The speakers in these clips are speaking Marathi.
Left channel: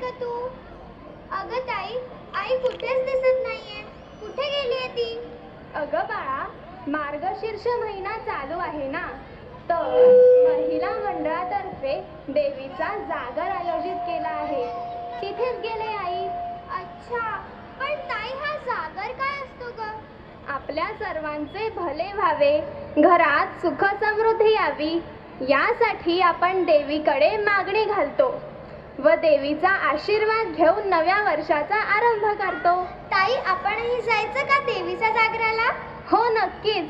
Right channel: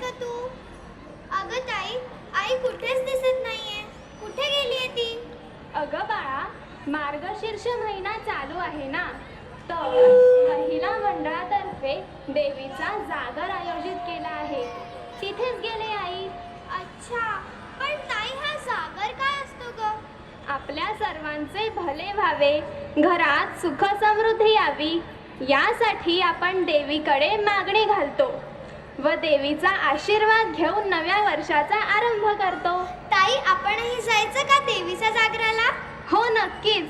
का तू? अगं ताई, आई कुठेच दिसत नाहीये. कुठे गेलीये ती? अगं बाळा, मार्गशीर्ष महिना चालू आहे ना, तर महिला मंडळातर्फे देवीचा जागर आयोजित केला आहे. तिथेच गेले आई. अच्छा, पण ताई हा जागर काय असतो ग? आपल्या सर्वांचे भले व्हावे, घरात सुख समृद्धी यावी, यासाठी आपण देवीकडे मागणी घालतो व देवीचा आशीर्वाद घेऊन नव्या वर्षाचा आरंभ करतो. ताई, आपणही जायचं का देवीच्या जागराला? हो, नक्कीच.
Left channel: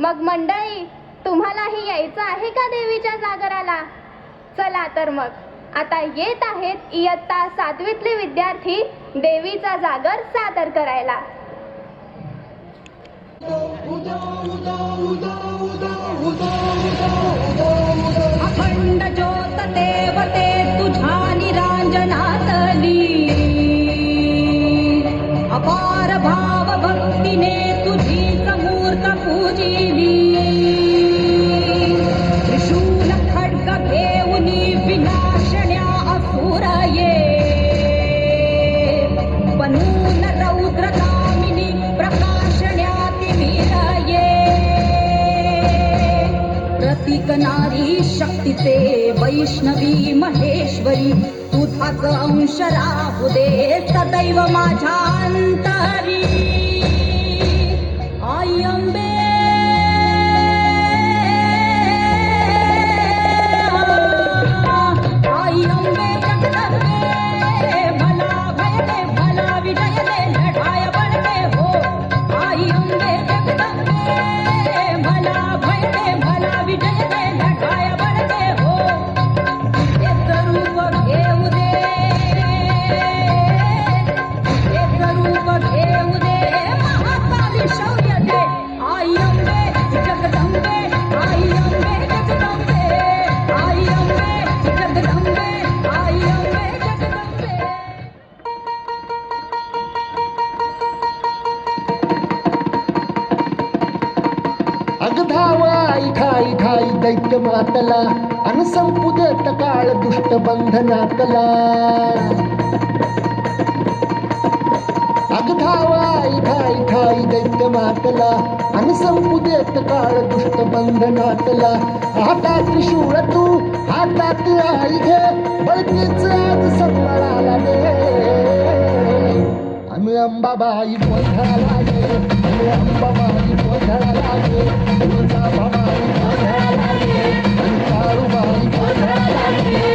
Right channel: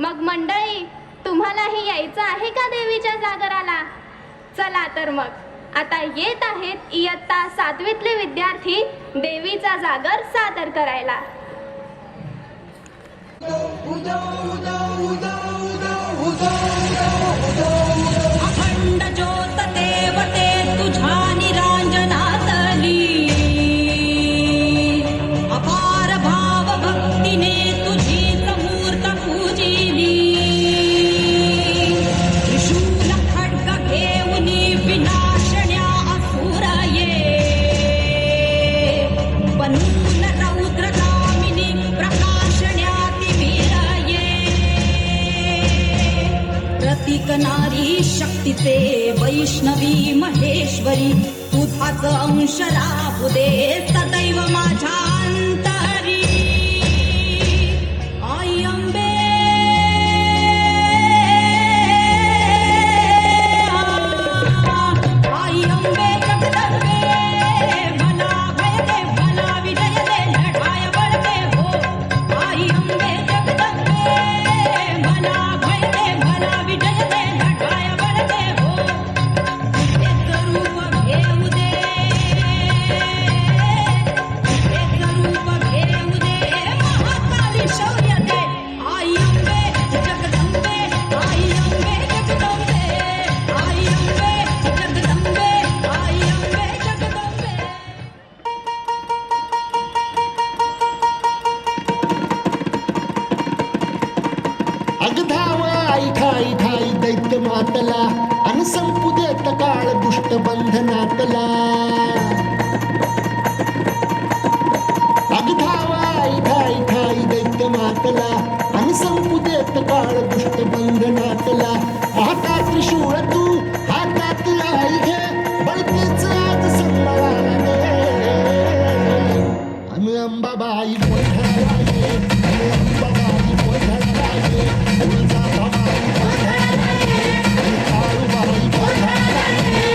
मग मंडळी, तुम्हालाही यायचं आहे का देवीच्या जागराला? चला तर मग आता येत आहेत इयत्ता 7वीतले विद्यार्थी देवीचा जागर सादर करायला. अखंड ज्योत देवते तुझ्या निरांजनातली, अपार भाव भक्तीने तुझीच मूर्त पूजिली. त्रिशूल खड्ग घेऊनी विनाशण्या असुर ये, बनून रौद्रगामिनी प्रकाशण्या तिमिर ये. प्रतीक नारी शक्तीचे वैष्णवी महेश्वरी, तुझाच अंश राहू दे सदैव माझ्या अंतरी. आई अंबे, आई अंबे जगदंबे, भला भय दे भला विजय दे लढाय बळके हो. आई अंबे जगदंबे, भला भय दे भला विजय दे लढाय बळके हो. हेच रूप घेऊ दे, हेच रूप घेऊ दे, महाकाली शौर्य दे. आई अंबे जगदंबे, आई अंबे जगदंबे, आई अंबे जगदंबे, आई अंबे जगदंबे. अगधावा आई ठाई ठाई दैत्य मातला, अन संपू देत काळ दुष्ट बंधनातला. अगधावा आई ठाई ठाई दैत्य मातला, अन संपू देत काळ दुष्ट बंधनातला. हातात त्रिशूळ तू हातात आई घे, बळतीच आज सन्मानाला दे. अन अंबाबाई गोंधळाला ये, अन अंबाबाई गोंधळाला ये, तुळजाभवानी गोंधळाला ये, काळूबाई गोंधळाला ये.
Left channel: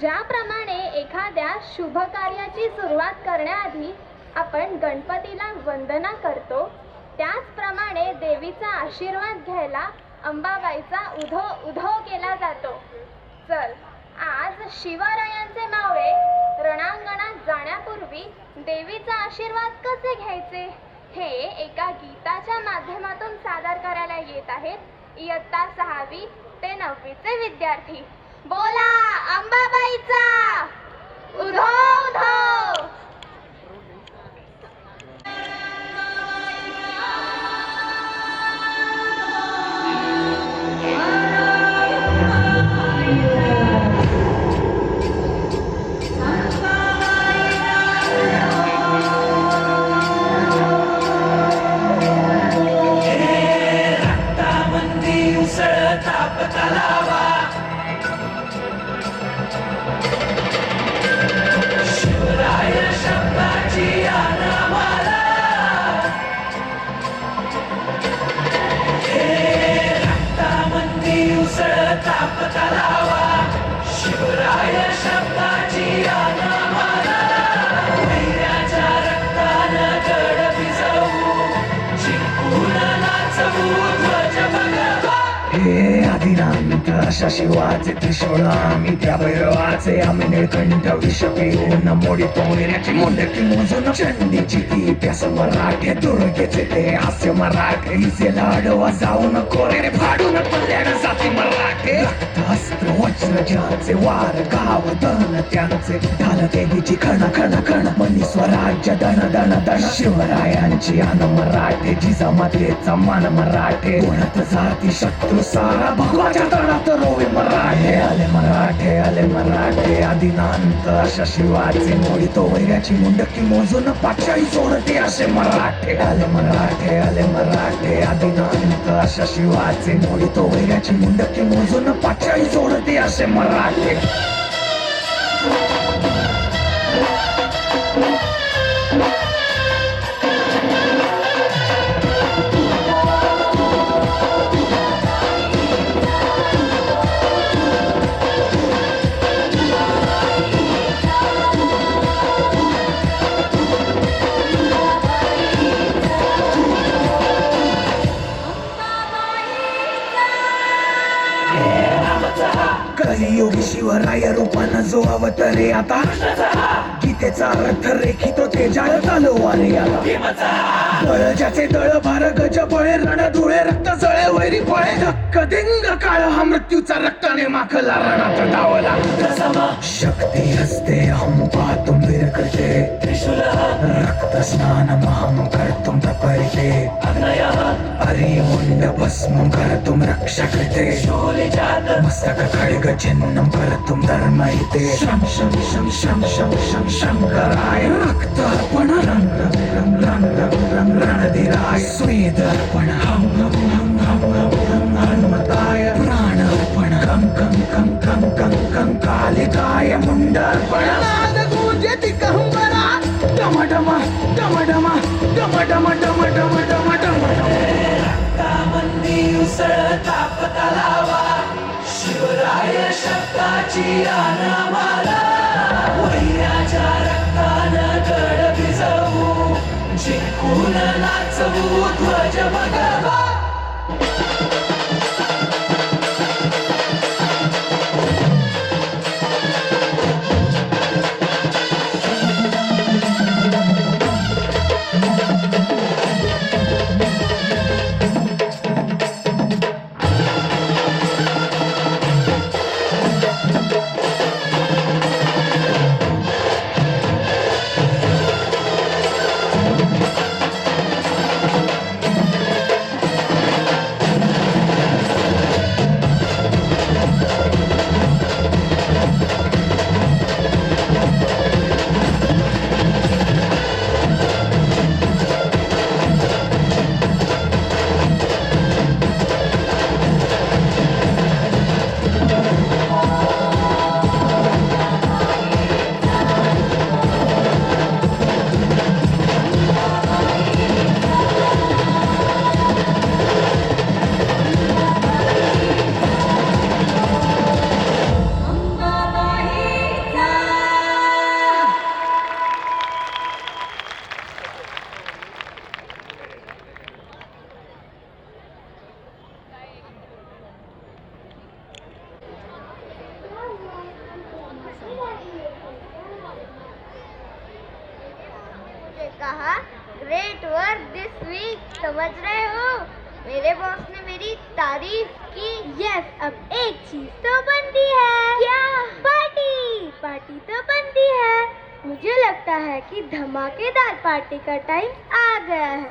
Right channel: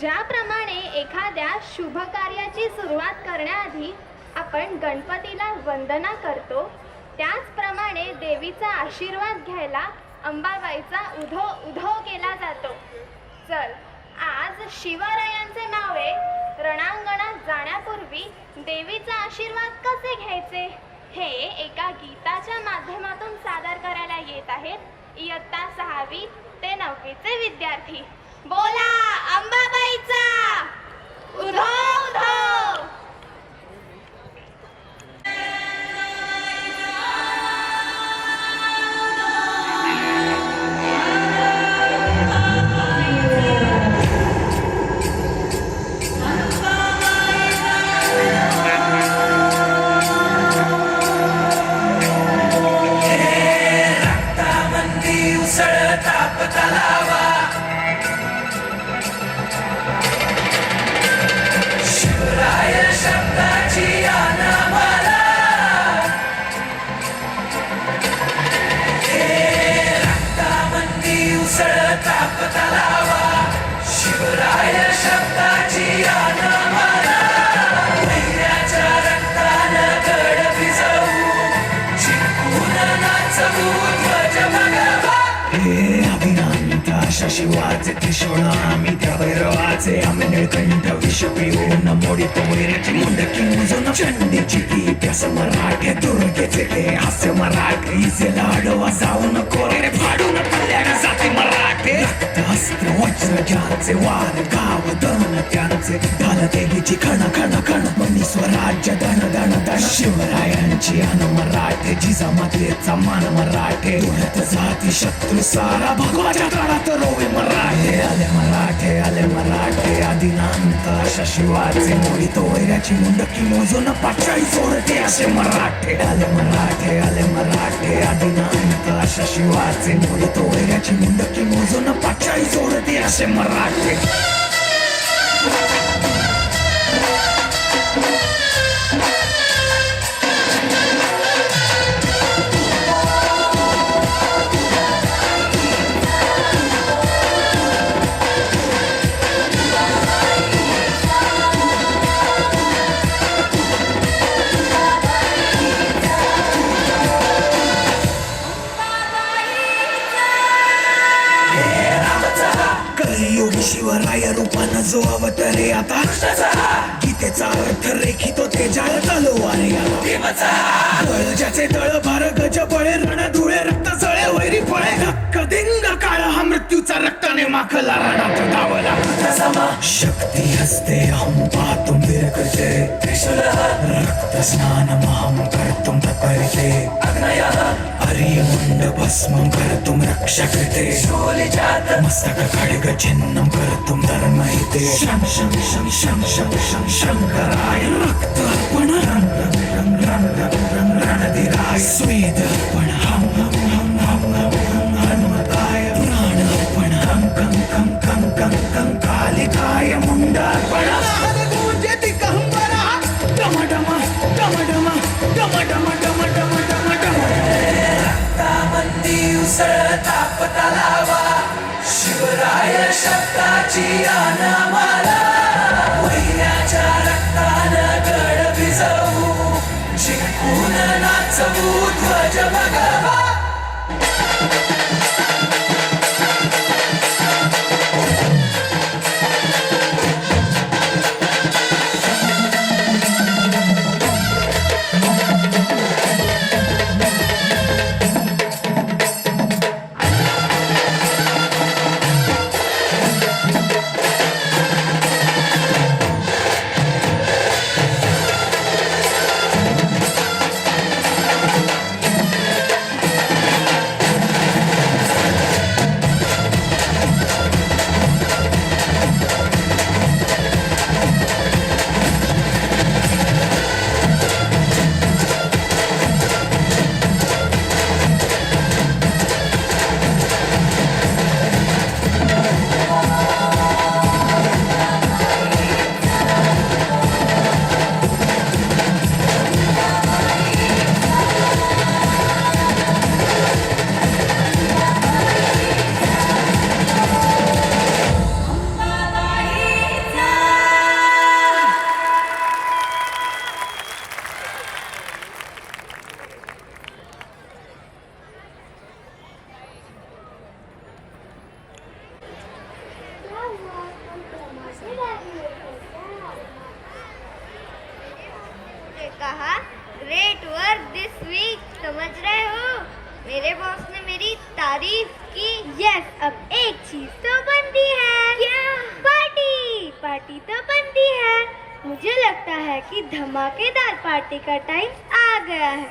ज्याप्रमाणे एखाद्या शुभ कार्याची सुरुवात करण्याआधी आपण गणपतीला वंदना करतो, त्याचप्रमाणे देवीचा आशीर्वाद घ्यायला अंबाबाईचा उधो उधो केला जातो. चल, आज शिवरायांचे मावळे रणांगणात जाण्यापूर्वी देवीचा आशीर्वाद कसे घ्यायचे हे एका गीताच्या माध्यमातून सादर करायला येत आहेत इयत्ता 6वी ते 9वीचे विद्यार्थी. बोला अंबाबाईचा उधो उधो. अशा शिवाचे त्रिशूळ आम्ही त्या भैरवाचे आम्ही निळकंठ विष पिऊन मोडीतो वैराची मुंडकी मोजून चंडीची ती त्यास मराठे दुर्गेचे ते हास्य मराठे इसे लाडवा जाऊन कोरे फाडून टोल्या जाती मराठे अस्त्र वज्र ज्याचे वार गाव धरून त्यांचे ढाल देवीची खण खण खण मनी स्वराज्य धन धन धन शिवरायांची अन मराठे जिजामातेचा मान मराठे उडत जाती शत्रू सारा भगवाच्या तळात रोवे मराठे आले मराठे आदिनांत अशा शिवाचे मोडीतो वैराची मुंडकी मोजून पाचाळी सोडते असे मराठे आले मराठे आदिनांत अशा शिवाचे मोडीतो वैराची मुंडकी मोजून पाचाळी सोडते असे मराठे. कलियुगी शिवराय रूपानं जो अवतरे आता गीतेचा अर्थ रेखितो ते जाळ तलवारी आला दळ ज्याचे दळ भार गज बळे रण धुळे रक्त जळे वैरी पळे धक्क दिंग काळ हा मृत्यूचा रक्ताने माखला रणात धावला शक्ती हस्ते अहम पाहतुम वीर करते रक्त स्नान महम कर्तुम तपरिते अर्य मुंड भस्म कर्तुम रक्षा कृते मस्तक खड्ग चिन्हं कर्तुं धर्महिते शं शं शं शं शं शं शंकराय रक्तार्पण रं रं रं रं रं रं रणधीराय स्वेदर्पण हं हं हं हं हं हं हनुमताय प्राणार्पण कं कं कं कं कं कं कालिकाय मुंडार्पण गूंजति कहंबरा डम डम डम डम डम डम डम डम डम डम रक्तामंदी उसळता पतलावा शिवराय शब्दाची आनामाला वैराच्या रक्तानं गड भिजवू जिंकून नाचवू ध्वज भगवा. पर दिस वीक, समझ रहे हो? मेरे बॉस ने मेरी तारीफ की। यस, अब एक चीज तो बनती है। क्या? पार्टी। पार्टी तो बनती है। मुझे लगता है कि धमाकेदार पार्टी का टाइम आ गया है।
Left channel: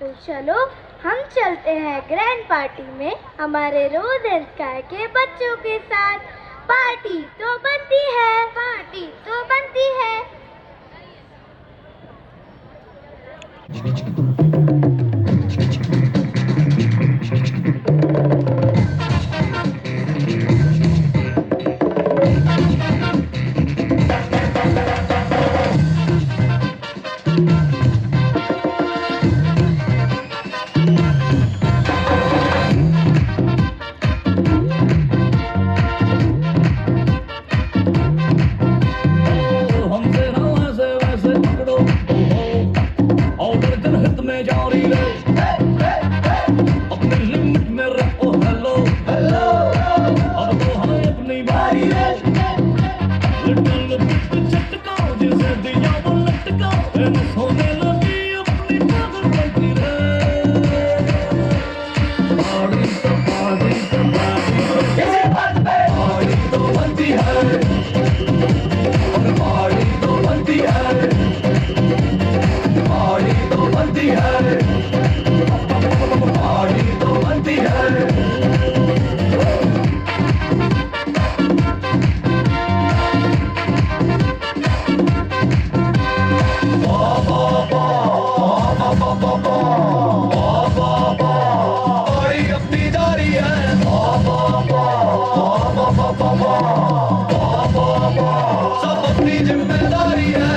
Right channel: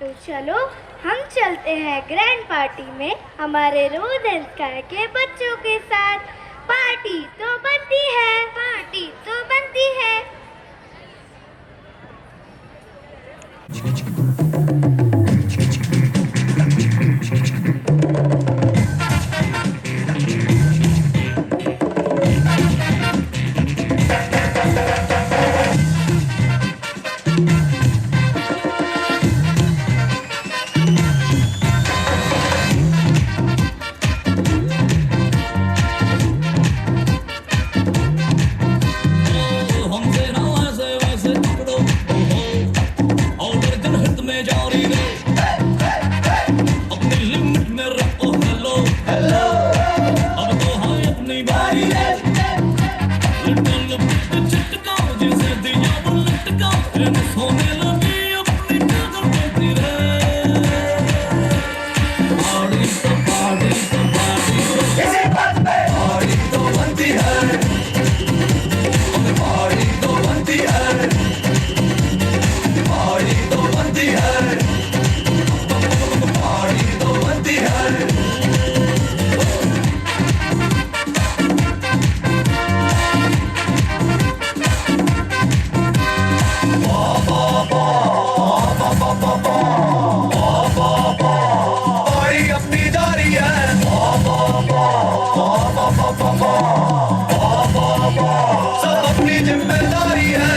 तो चलो हम चलते हैं ग्रैंड पार्टी में हमारे रोज एंड स्काई के बच्चों के साथ। पार्टी तो बनती है, पार्टी तो बनती है। हमसे ना ऐसे वैसे पकड़ो और गर्दन हित में जारी रहे अपनी लिमिट में रखो हेलो हेलो अब तो है अपनी बारी है लिटिल झटका जैसे दिया वो लटका सोने लगी अपनी पागल बनती रहे पार्टी तो पार्टी तो पार्टी तो बनती है पार्टी तो बनती है पार्टी तो बनती है पार्टी तो बनती है पार्टी अपनी दारी है सब अपनी जिम्मेदारी है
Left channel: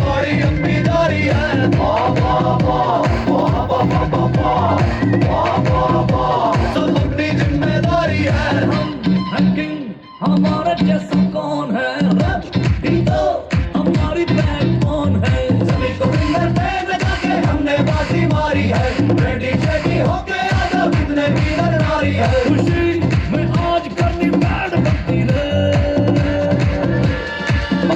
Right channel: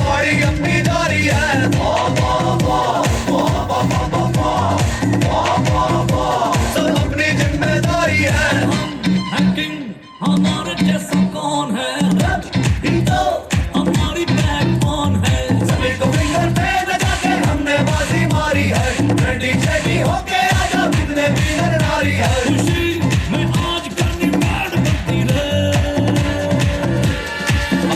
पार्टी अपनी दारी है सब अपनी जिम्मेदारी है हमारा जैसा कौन है ही तो हमारी बैकबोन है सभी को फिंगर पे लगा के हमने बाजी मारी है रेडी शेडी होके आजा कितने भी नारी है खुशी में आज करनी बैड बनती रहे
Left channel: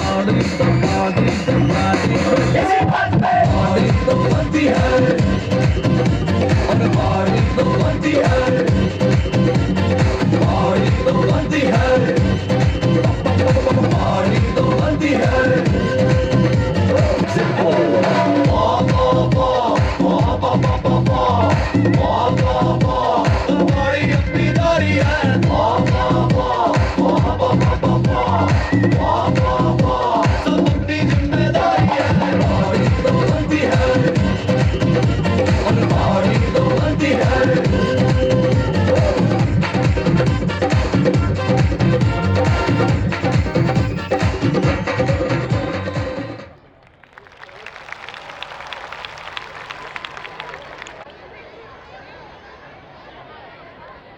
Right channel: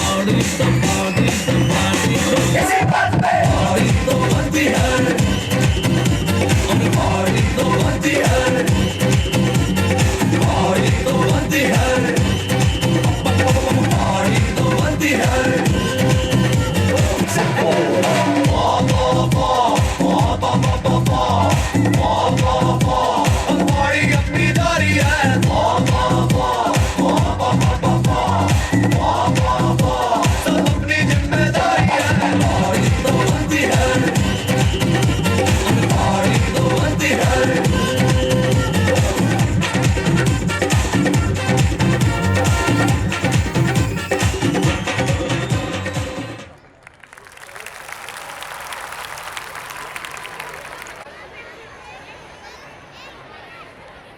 पार्टी तो पार्टी तो पार्टी किसी बात पे पार्टी तो बनती है और पार्टी तो बनती है पार्टी तो बनती है पार्टी तो बनती है पार्टी अपनी दारी है सब अपनी जिम्मेदारी है पार्टी तो बनती है पार्टी तो बनती है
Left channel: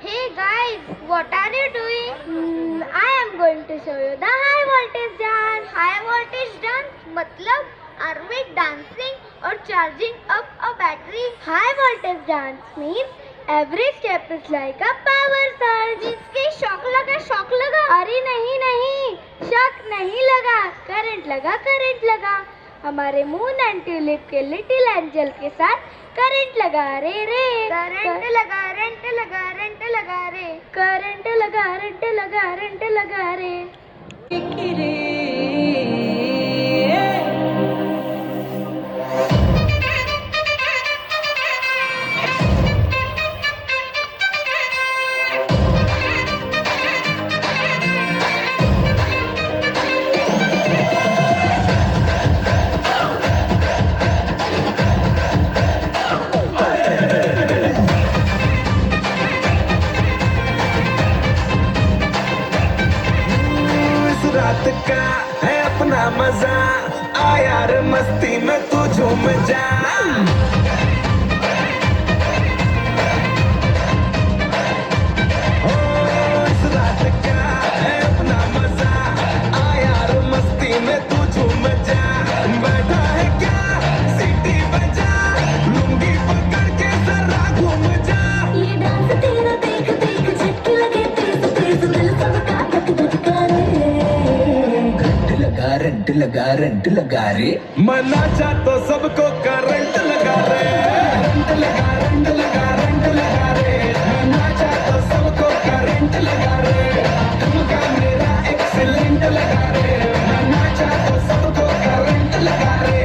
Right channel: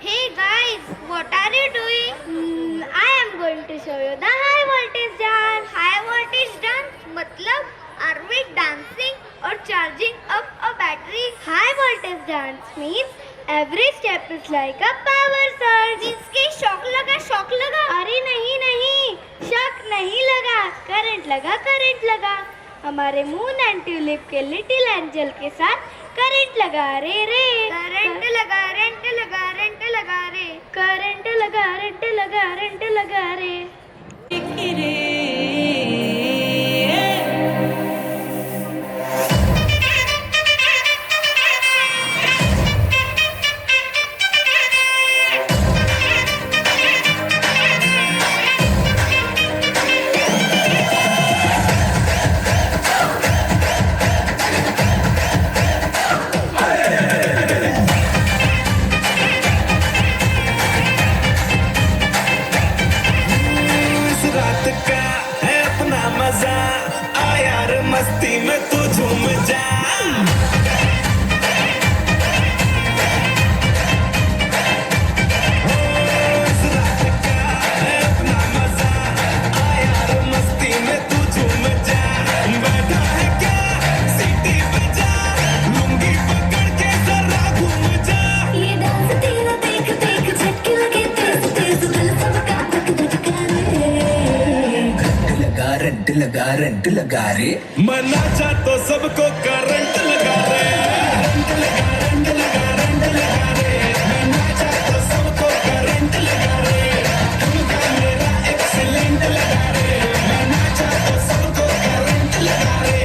Hey guys, what are you doing? I am going to show you the high voltage dance. High voltage dance मतलब are we dancing or charging up a battery? High voltage dance means every step is like a power surge. इसके शॉक लगा। अरे नहीं, शॉक नहीं लगा, करंट लगा। हमारे मून एंड ट्यूलिप के लिटिल एंजल के साथ करंट लगा रे करंट लगा रे करंट लगा रे इस रात का लगा रे मनाचा तो सबको करंट लगा रे रंट लगा रे मनाचा तो सबको करंट लगा रे तुमका मेरा एक्सीलेंट लगा रे मनाचा तो सबको करंट लगा रे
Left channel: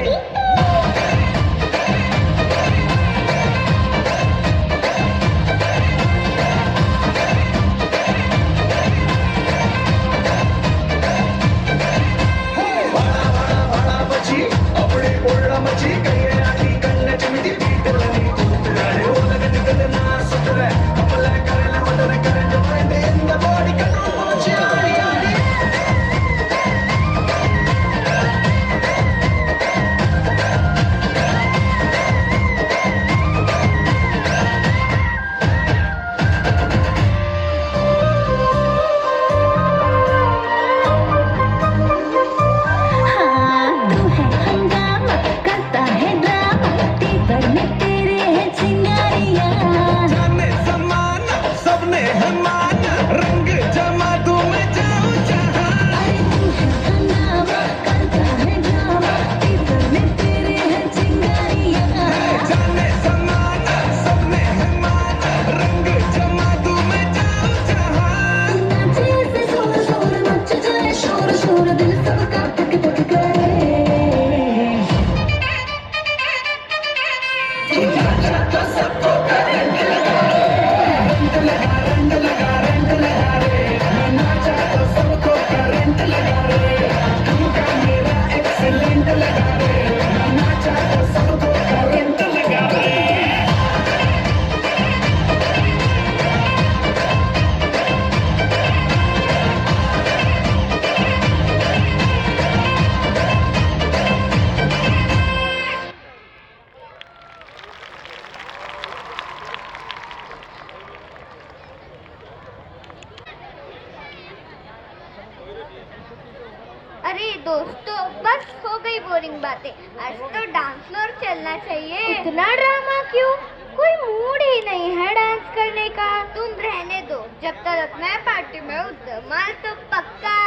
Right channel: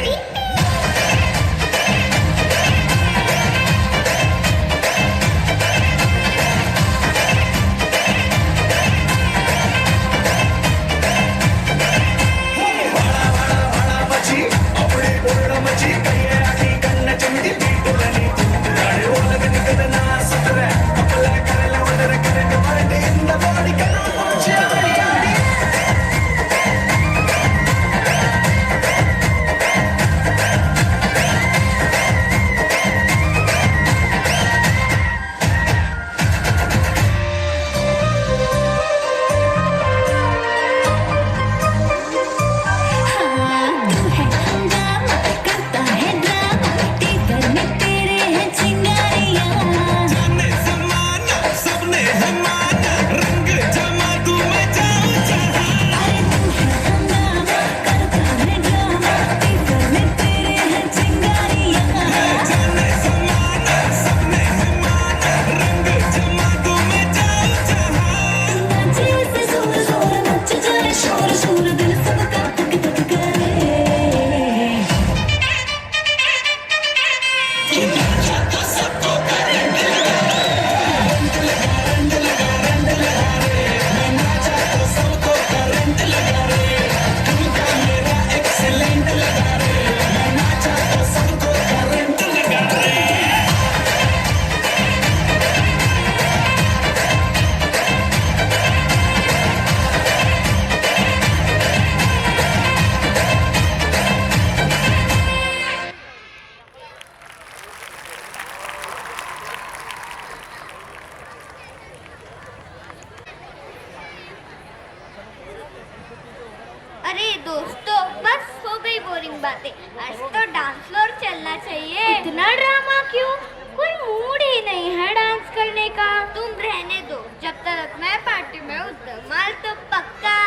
अरे दोस्तों बस हो गई बोरिंग बातें आज तो डांस फ्लोर चलना चाहिए इतना ड्रामा क्यों कोई मूड ही नहीं है डांस करने का तुम रहने दो जब तक मैं पार्टी में उतर माल तो पक्का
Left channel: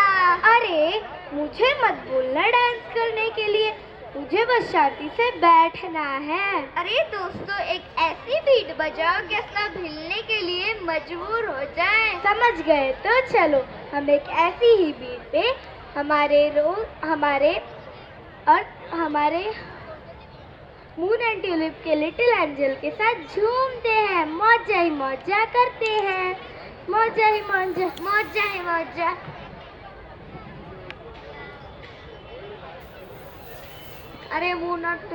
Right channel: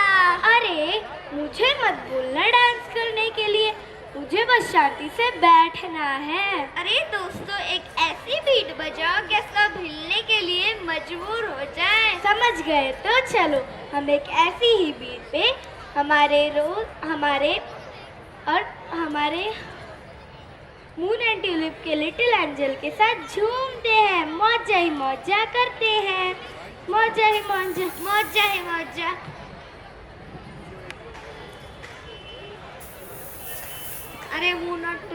अरे मुझे मत बोलना डांस करने के लिए मुझे बस शांति से बैठना है अरे दोस्तों एक ऐसी बीट बजाओ कि सब हिलने के लिए मजबूर हो जाए समझ गए तो चलो हम एक ऐसी ही बीट पे हमारे मून एंड ट्यूलिप के लिटिल एंजल के साथ झूमते हैं मौजा ही मौजा करते हैं मौजा ही मौजा मौजा ही मौजा अरे वो नॉट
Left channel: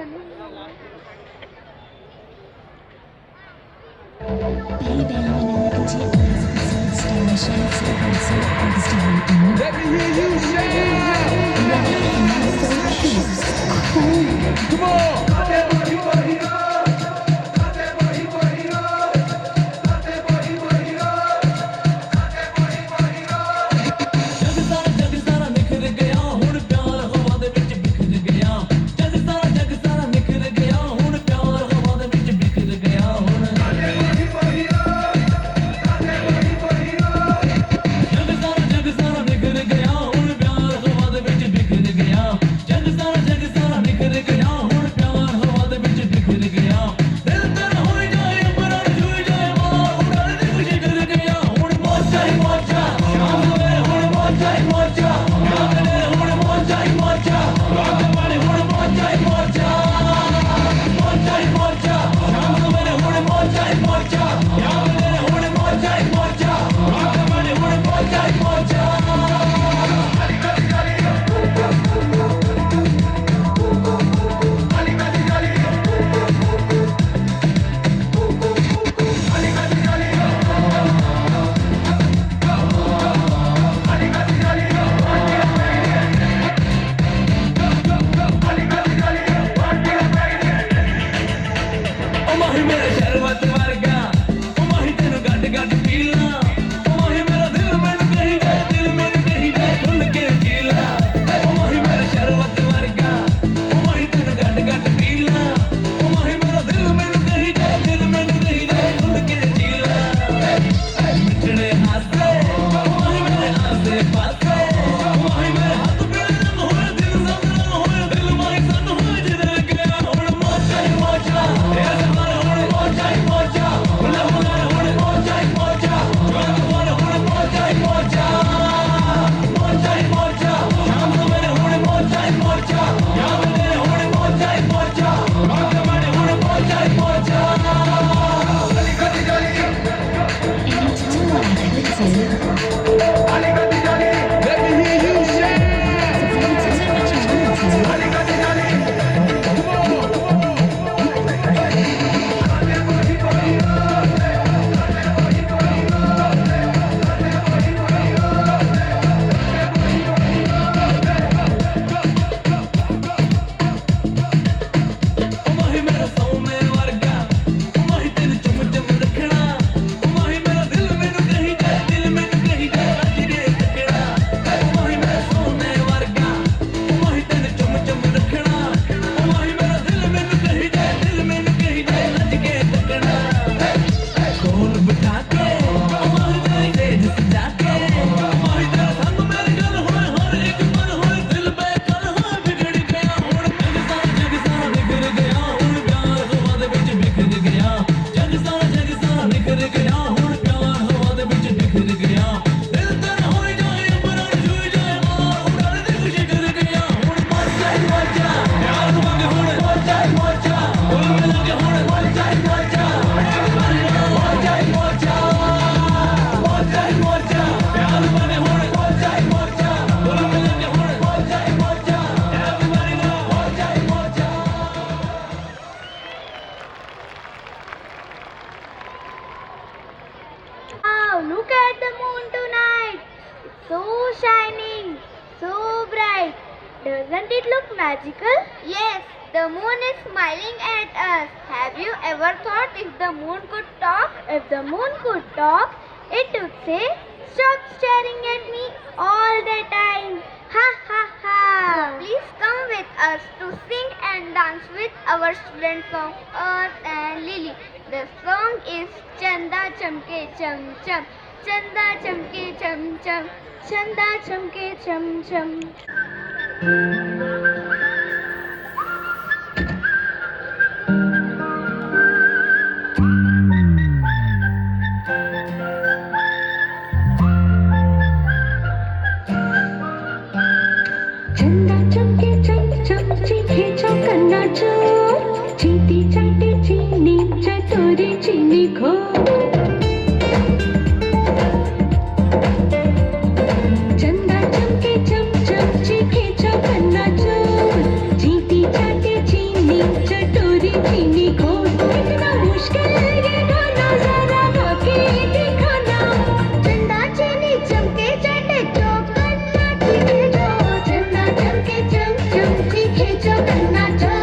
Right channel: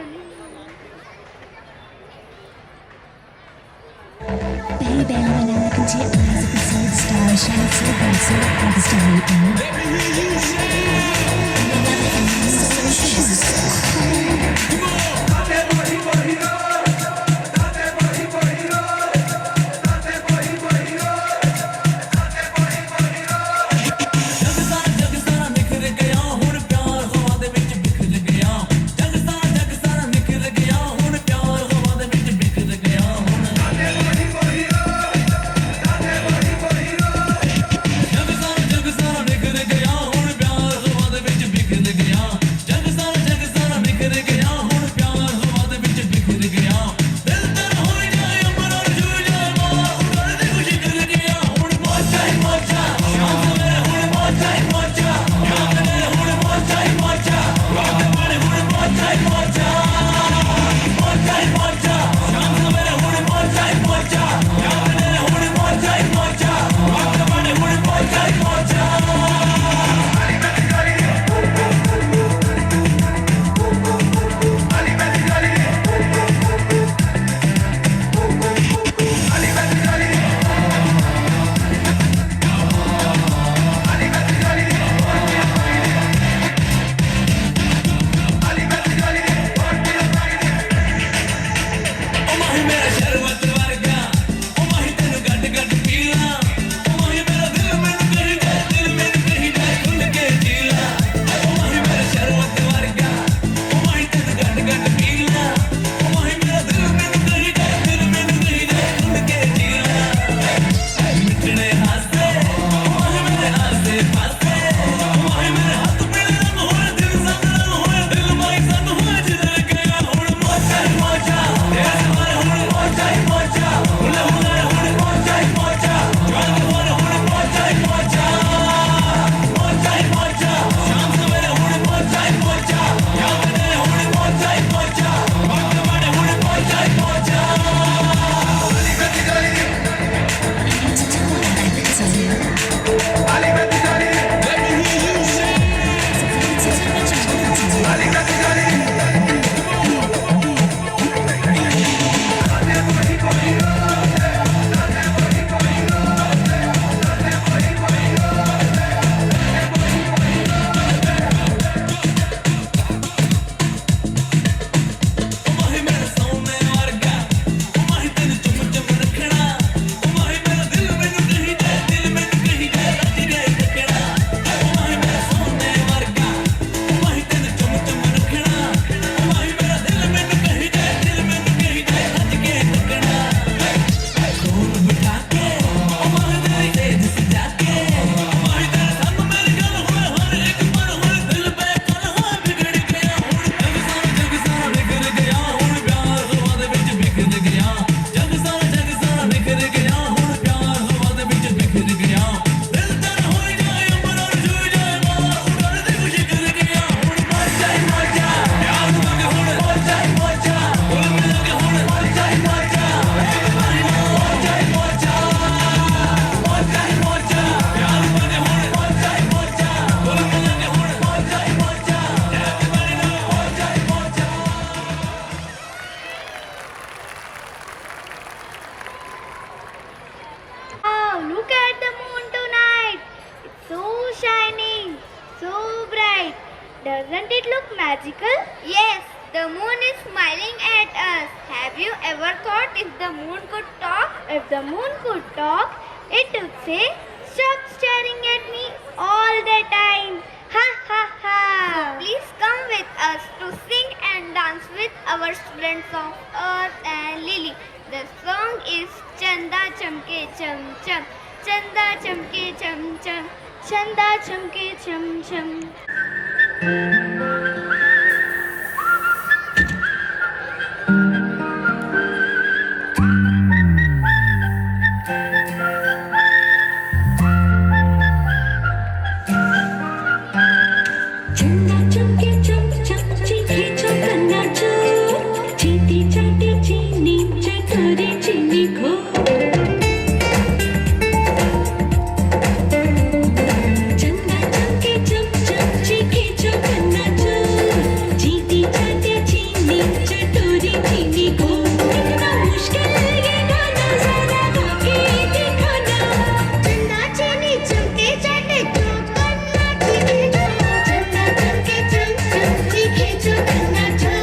आली कधी झाली आली कधी झाली माही मेरा सोने वर्गा माही तेन चुम चुम रखना माही मेरा दिल मैनू कही जाए रज गए टकड़ा माही मेरा सोने वर्गा माही तेन चुम चुम रखना माही मेरा दिल मैनू कही जाए रज गए टकड़ा कौन बिठा के माही तेरी तेज सजा के माही तेरा संग मेरे गल होए हर एक पल होए दिल पे कल होए बिगड़ गया हुण जग सा बिखर गया हुण प्यार हवा दे विच बिखर गया जग सा बिखर गया हुण प्यार हवा दे विच बिखर गया दिल तर होए जाए अंबर छूए जाए मां उड़न दे खुशी कर गया हुण मर जा प्यार मंग हुण मर जा दिल में लगे हुण मर जा एक बारी मर जा प्यार बने हुण मर जा दिल में लगे हुण मर जा एक बारी मर जा Wow, look at the moon tonight. It's so shining, so bright. Doesn't it look magical? Yes, the moon is smiling at us. Have you ever thought if the moon could talk? If the moon could talk, it would say, "Stop staring at me all the time." Ha ha ha. So please come with us to sing and dance with our students of Earth and Lily. The song is Chanda Chamke Cham Cham. Chanda Chamke Cham Cham. Chanda Chamke Cham Cham. Chanda चमके चम चम चीखे चौकन्ना चोर चीटी चाटी चीनी चटोरी चीनी खो चंदा चमके चम चम चीखे चौकन्ना चोर चीटी चाटी चीनी चटोरी चीनी खो कितना मुश्किल ये गाना जरा गा के दिखाना चंदा चीनी चमके चाटे चौकन्ना चीखे चो. चंदा चमके चम चम चीखे चौकन्ना चो.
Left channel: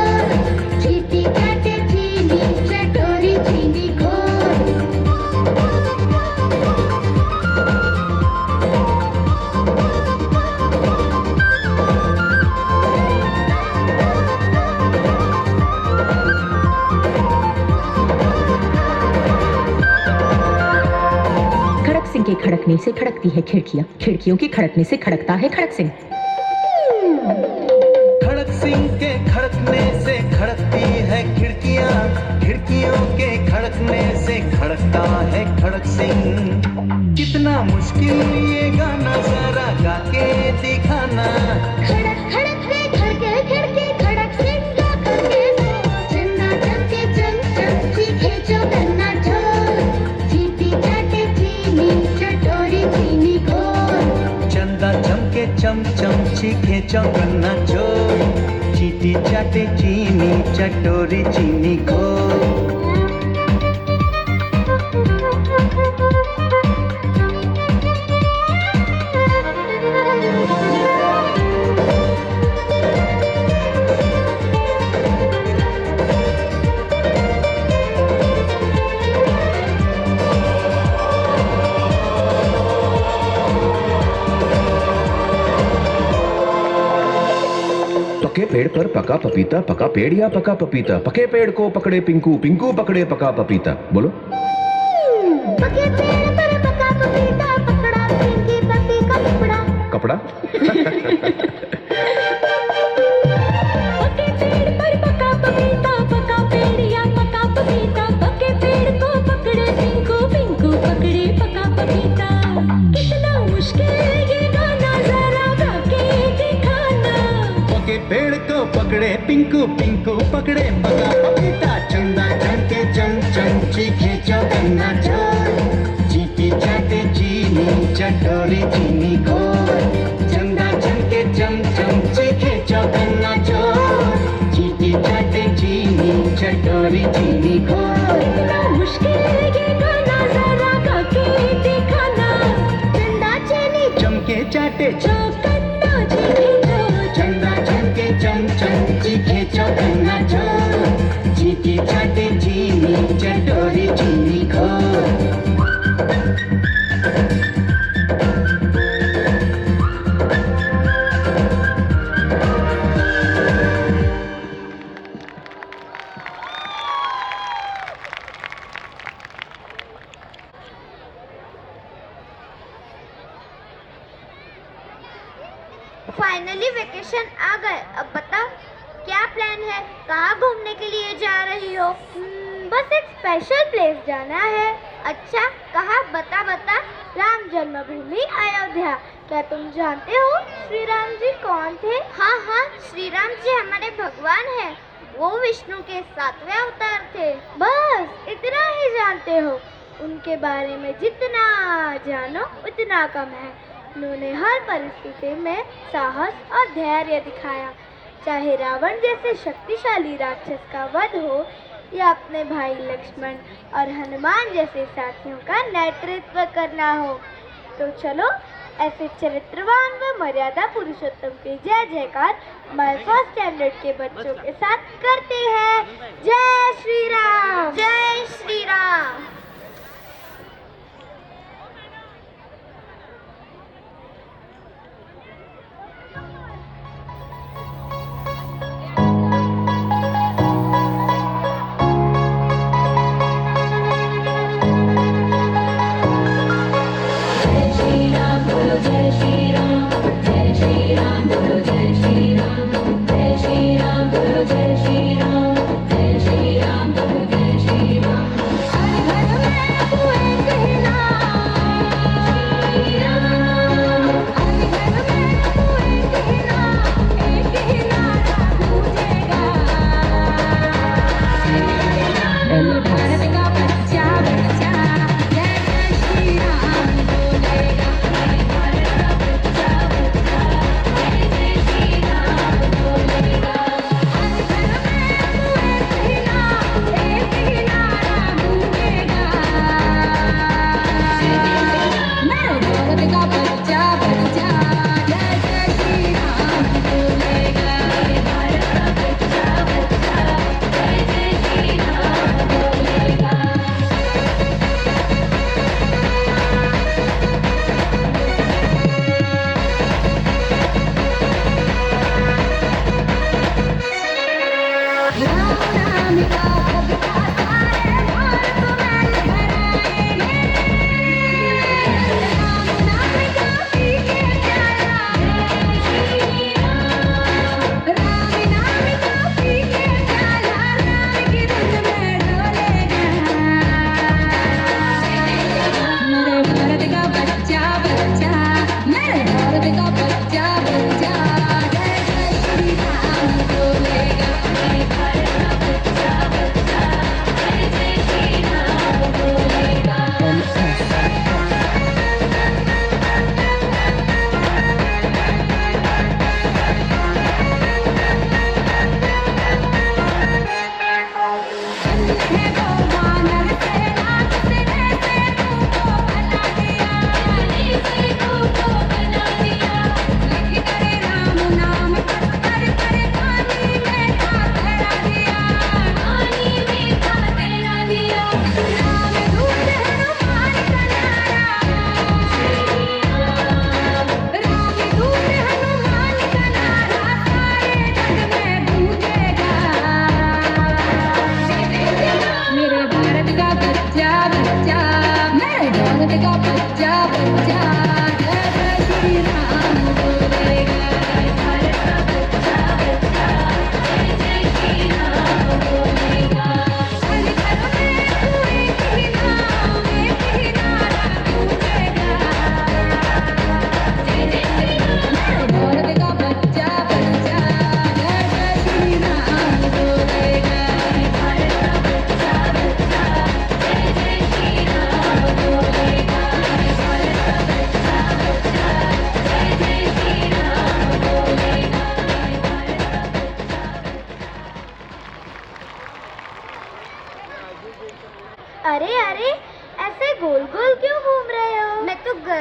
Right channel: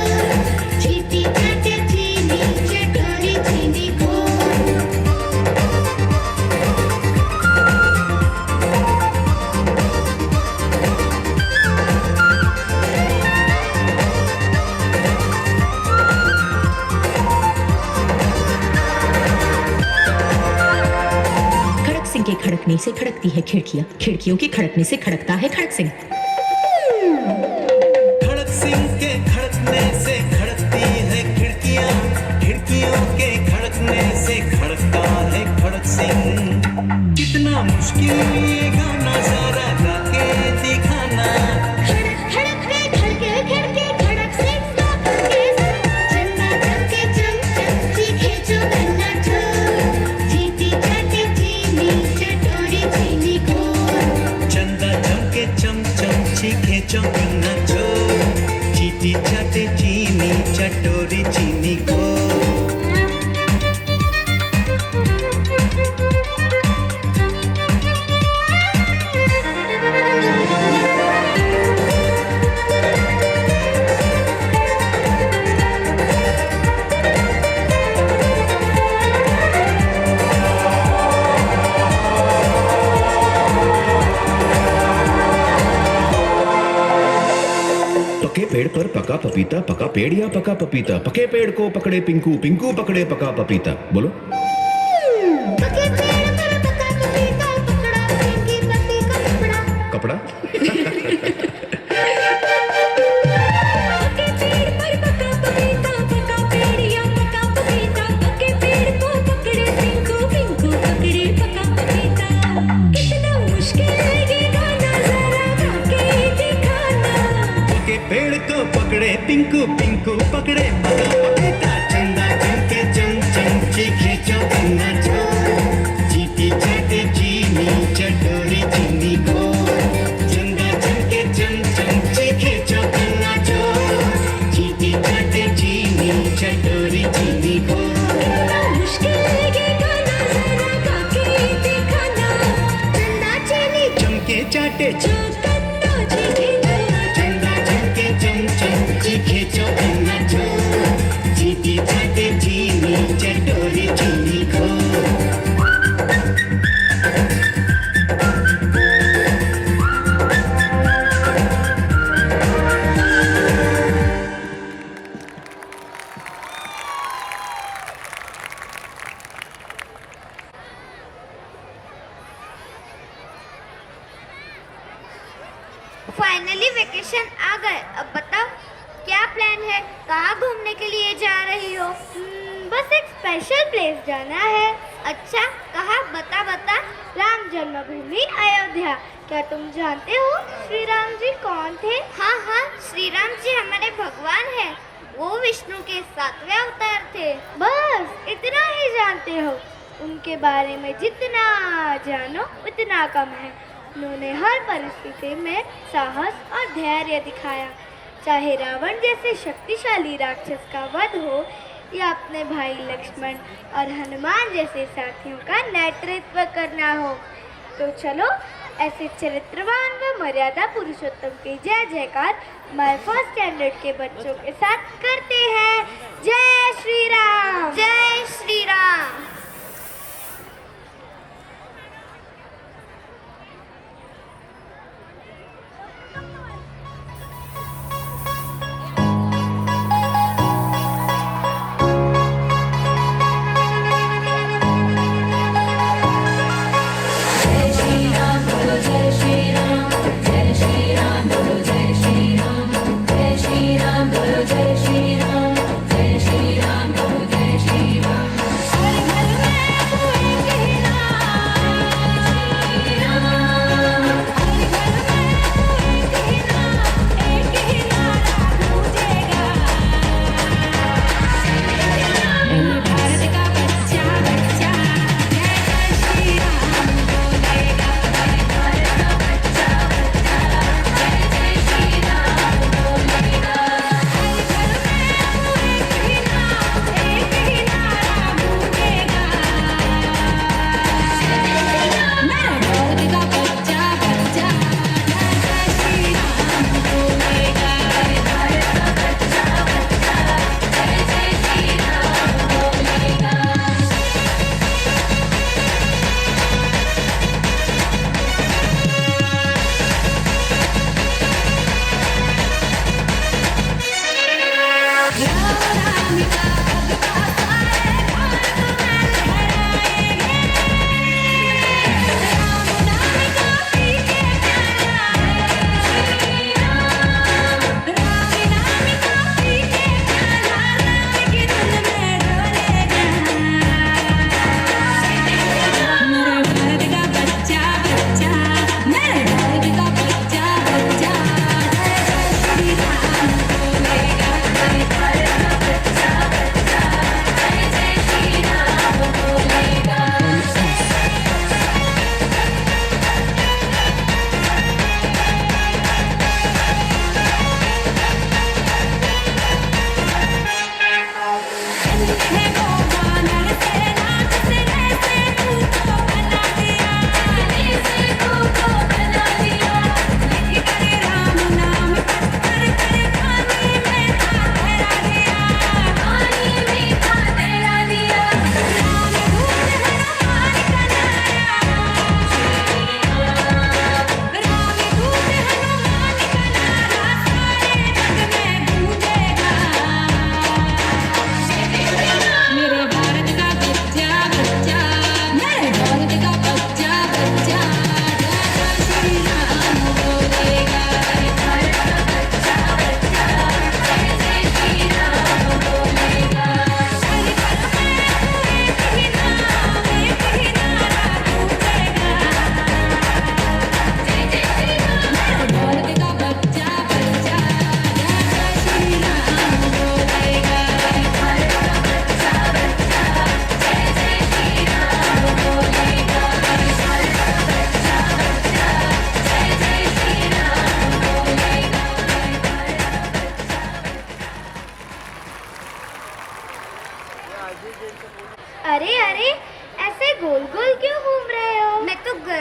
चीटी चाटे चीनी चटोरी चीनी खो. खड़क सिंह के खड़कने से खड़कती है खिड़कियां, खिड़कियों की खड़कने से खड़कता है खड़क सिंह। खड़क सिंह के खड़कने से खड़कती है खिड़कियां खिड़कियों के खड़कने से खड़कता है खड़क सिंह कितना मुश्किल ये गाना जरा गा के दिखाना खड़क खड़क के खड़के खिड़की खड़क सिंह का खड़के. चंदा चमके चम चम चीखे चौकन्ना चो. चीटी चाटे चीनी चटोरी चीनी खो. चंदा चमके चम चम चीखे चौकन्ना चोर चीटी चाटे चीनी चटोरी चीनी को पके पेड़ पर पका पपीता, पका पेड़ या पका पपीता, पके पेड़ को पकड़े पिंकू, पिंकू पकड़े पका पपीता। बोलो। पके पेड़ पर पका पपीता, पकड़ा सिंह पति का कपड़ा। कपड़ा? पके पेड़ पर पका पपीता, पका पेड़ या पका पपीता, पके पेड़ को पकड़े पिंकू, पिंकू पकड़े पका पपीता। कितना मुश्किल ये गाना जरा गा के दिखाना। पके पेड़ को पकड़े पिंकू, पिंकू पकड़े पका पपीता। चंदा चमके चम चम चीखे चौकन्ना चोर, चीटी चाटे चीनी चट चटोरी चीनी घोर चंदा चमके चमचम चीखे चौकन्ना चोर चीटी चाटे चीनी चटोरी चीनी घोर मुश्किल लगेगा ना जरा खाके दिखाना चंदा चीनी चमके चाटे चौकन्ना चीनी चंदा चमके चमचम चीखे चौकन्ना चोर चीटी चाटे चीनी चटोरी चीनी घोर फाइनली वेकेशन आ गए। अब बताओ क्या प्लान है, कहाँ घूमने के लिए जा रही हो? बस एक स्पेशल प्लेस जाना है। अच्छा कहाँ, बता बता। राम जन्मभूमि अयोध्या। क्या तुम जानते हो श्री राम जी कौन थे? हाँ हाँ, श्री राम जी हमारे भगवान हैं। वो विष्णु के 7वें अवतार थे। बस इतना ही जानते हो? उनके बारे में जितना जानो उतना कम है। उन्होंने हर परिस्थिति में साहस और धैर्य दिखाया, चाहे रावण जैसे शक्तिशाली राक्षस का वध हो या अपने भाई लक्ष्मण और हनुमान जैसे साथियों का नेतृत्व करना हो। तो चलो ऐसे चरित्रवान व मर्यादा पुरुषोत्तम के जय जयकार मैं फर्स्ट स्टैंडर्ड के बच्चों के साथ करते हैं। जय श्री राम, जय श्री राम। जय श्री राम,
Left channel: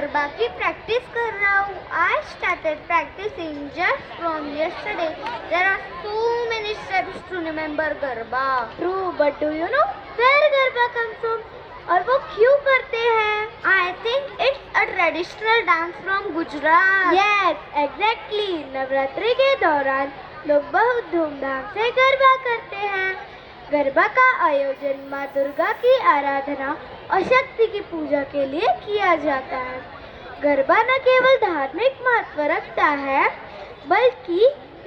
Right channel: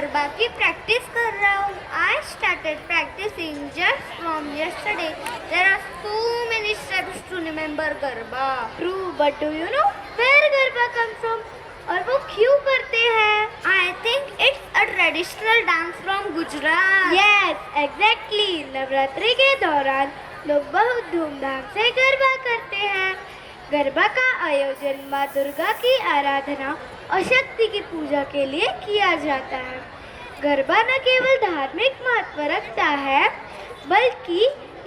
गरबा की प्रैक्टिस कर रहा हूँ. I started practicing just from yesterday. There are so many steps to remember garba. True, but do you know where garba comes from? और वो क्यों करते हैं? I think it's a traditional dance from Gujarat. Yes, exactly. Navratri के दौरान लोग बहुत धूमधाम से गरबा करते हैं. गरबा का आयोजन माँ दुर्गा की आराधना और शक्ति की पूजा के लिए किया जाता है. गरबा न केवल धार्मिक महत्व रखता है बल्कि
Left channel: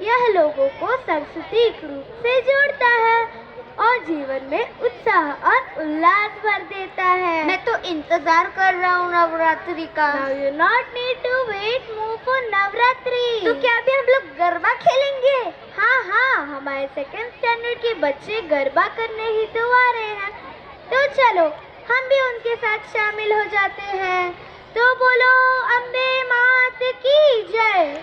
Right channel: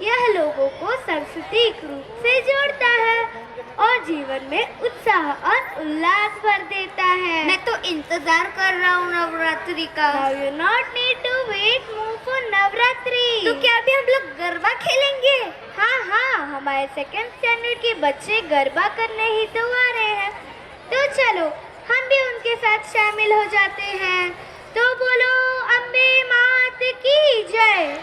यह लोगों को सांस्कृतिक रूप से जोड़ता है और जीवन में उत्साह और उल्लास भर देता है. मैं तो इंतजार कर रहा हूँ नवरात्रि का. Now you not need to wait more for Navratri. तो क्या अभी हम लोग गरबा खेलेंगे? हाँ, हमारे सेकंड स्टैंडर्ड के बच्चे गरबा करने ही तो आ रहे हैं. तो चलो हम भी उनके साथ शामिल हो जाते हैं. तो बोलो अम्बे मात की जय.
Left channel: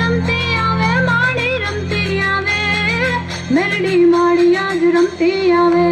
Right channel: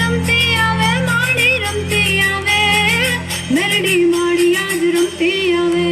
रमते आवे माड़ी रमते आवे मेरडी माड़ी आज रमते आवे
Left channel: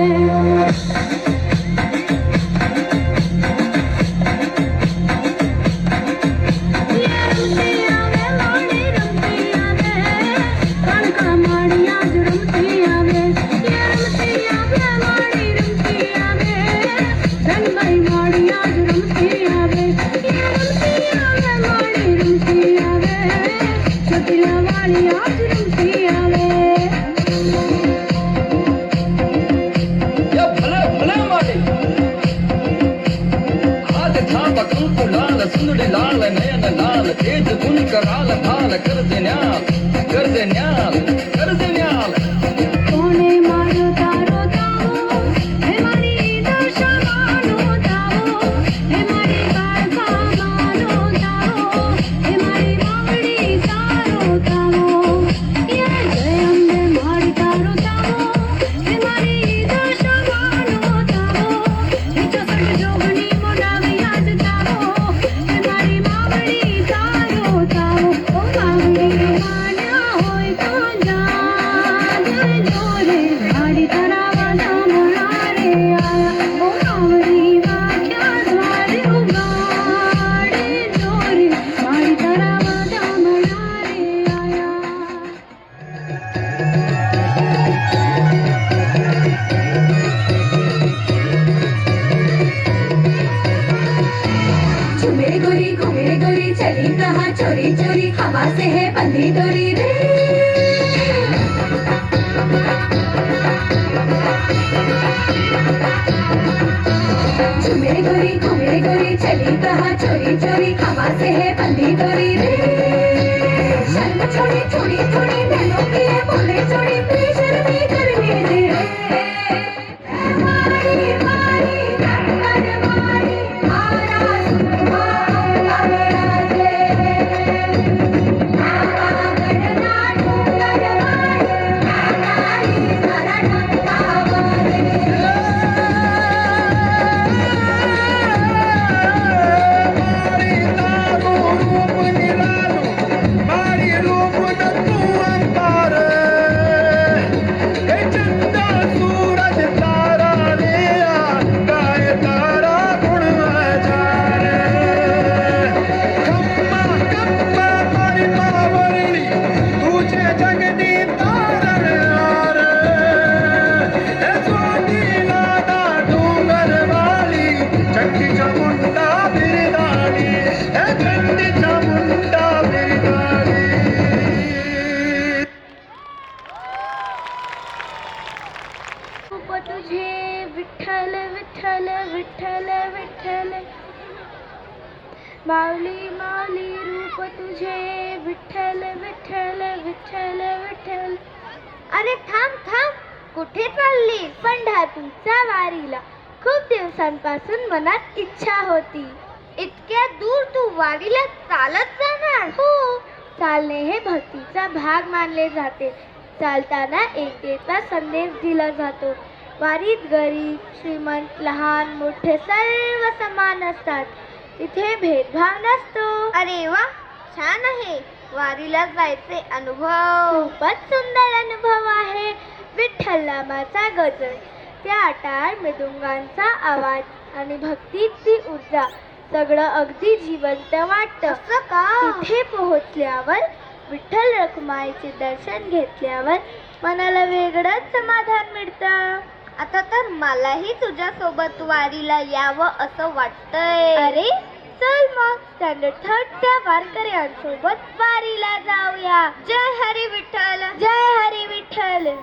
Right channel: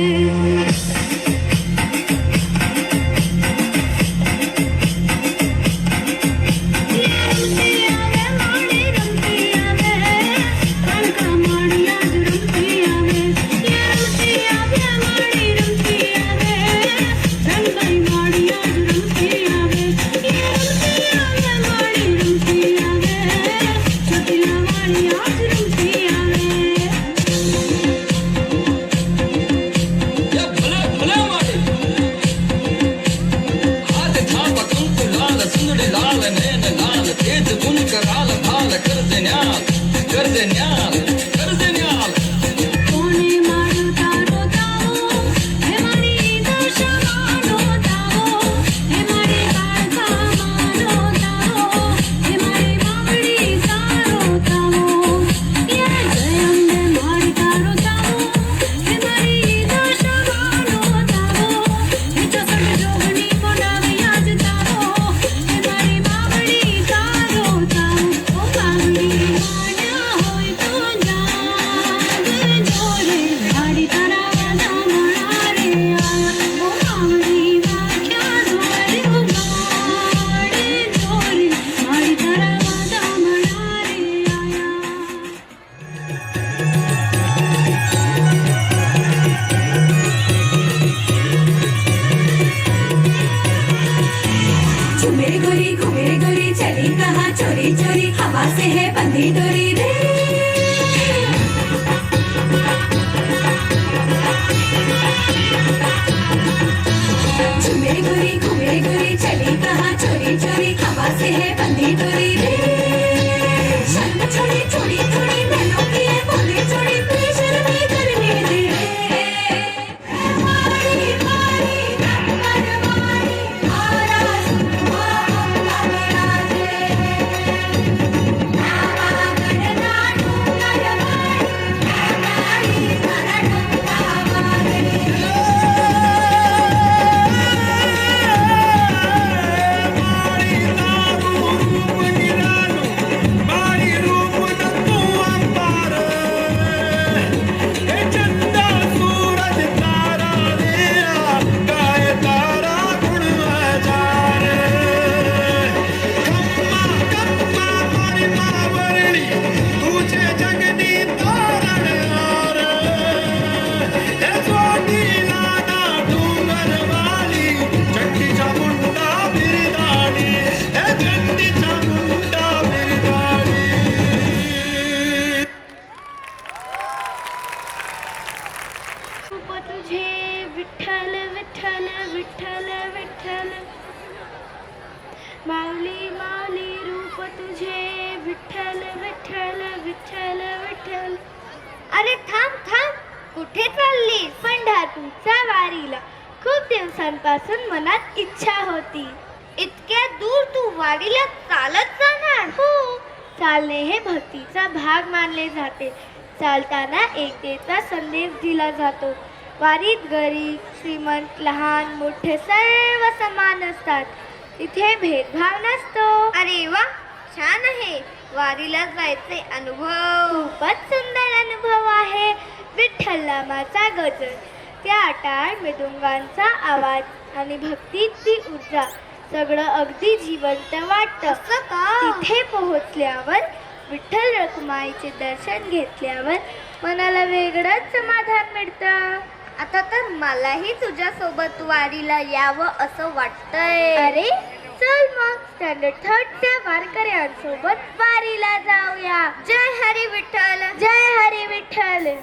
माऊली माऊली रूप तुझे विठ्ठल विठ्ठल विठ्ठल विठ्ठल. अरे थांब कुठे चालली? पंढरपूरच्या वारीला. खूप दिवसांपासून मनात इच्छा होती. इतक्या दूर तू वारीला चालत जाणार? हो, चालणे हे भक्तीचा भाग मानले जाते. चालताना एकतेचा संदेश दिला जातो. वारीत गरीब श्रीमंत लहान मोठे सर्व समान असतात. इथे भेदभाव नसतो. अरे वा, छान आहे. वारीला जायचे अनुभव खूपच सुंदर अनुभव आहे. विठ्ठल नामाचा गजर त्या टाळ मृदुंगांचा आवाज आणि भक्तीची ऊर्जा सगळं अगदी जिवंत वाटतं. तिथे पोहोचल्यावर विठ्ठल रखुमाईचे दर्शन घेतल्यावर मनाला वेगळंच समाधान मिळतं. आता तर मलाही तुझ्यासोबत वारीला यावं असं वाटतंय. अरे चल मग स्टँडर्ड 3च्या वारकऱ्यांसोबत वारीला जाऊया. जय हरी विठ्ठल, जय हरी विठ्ठल.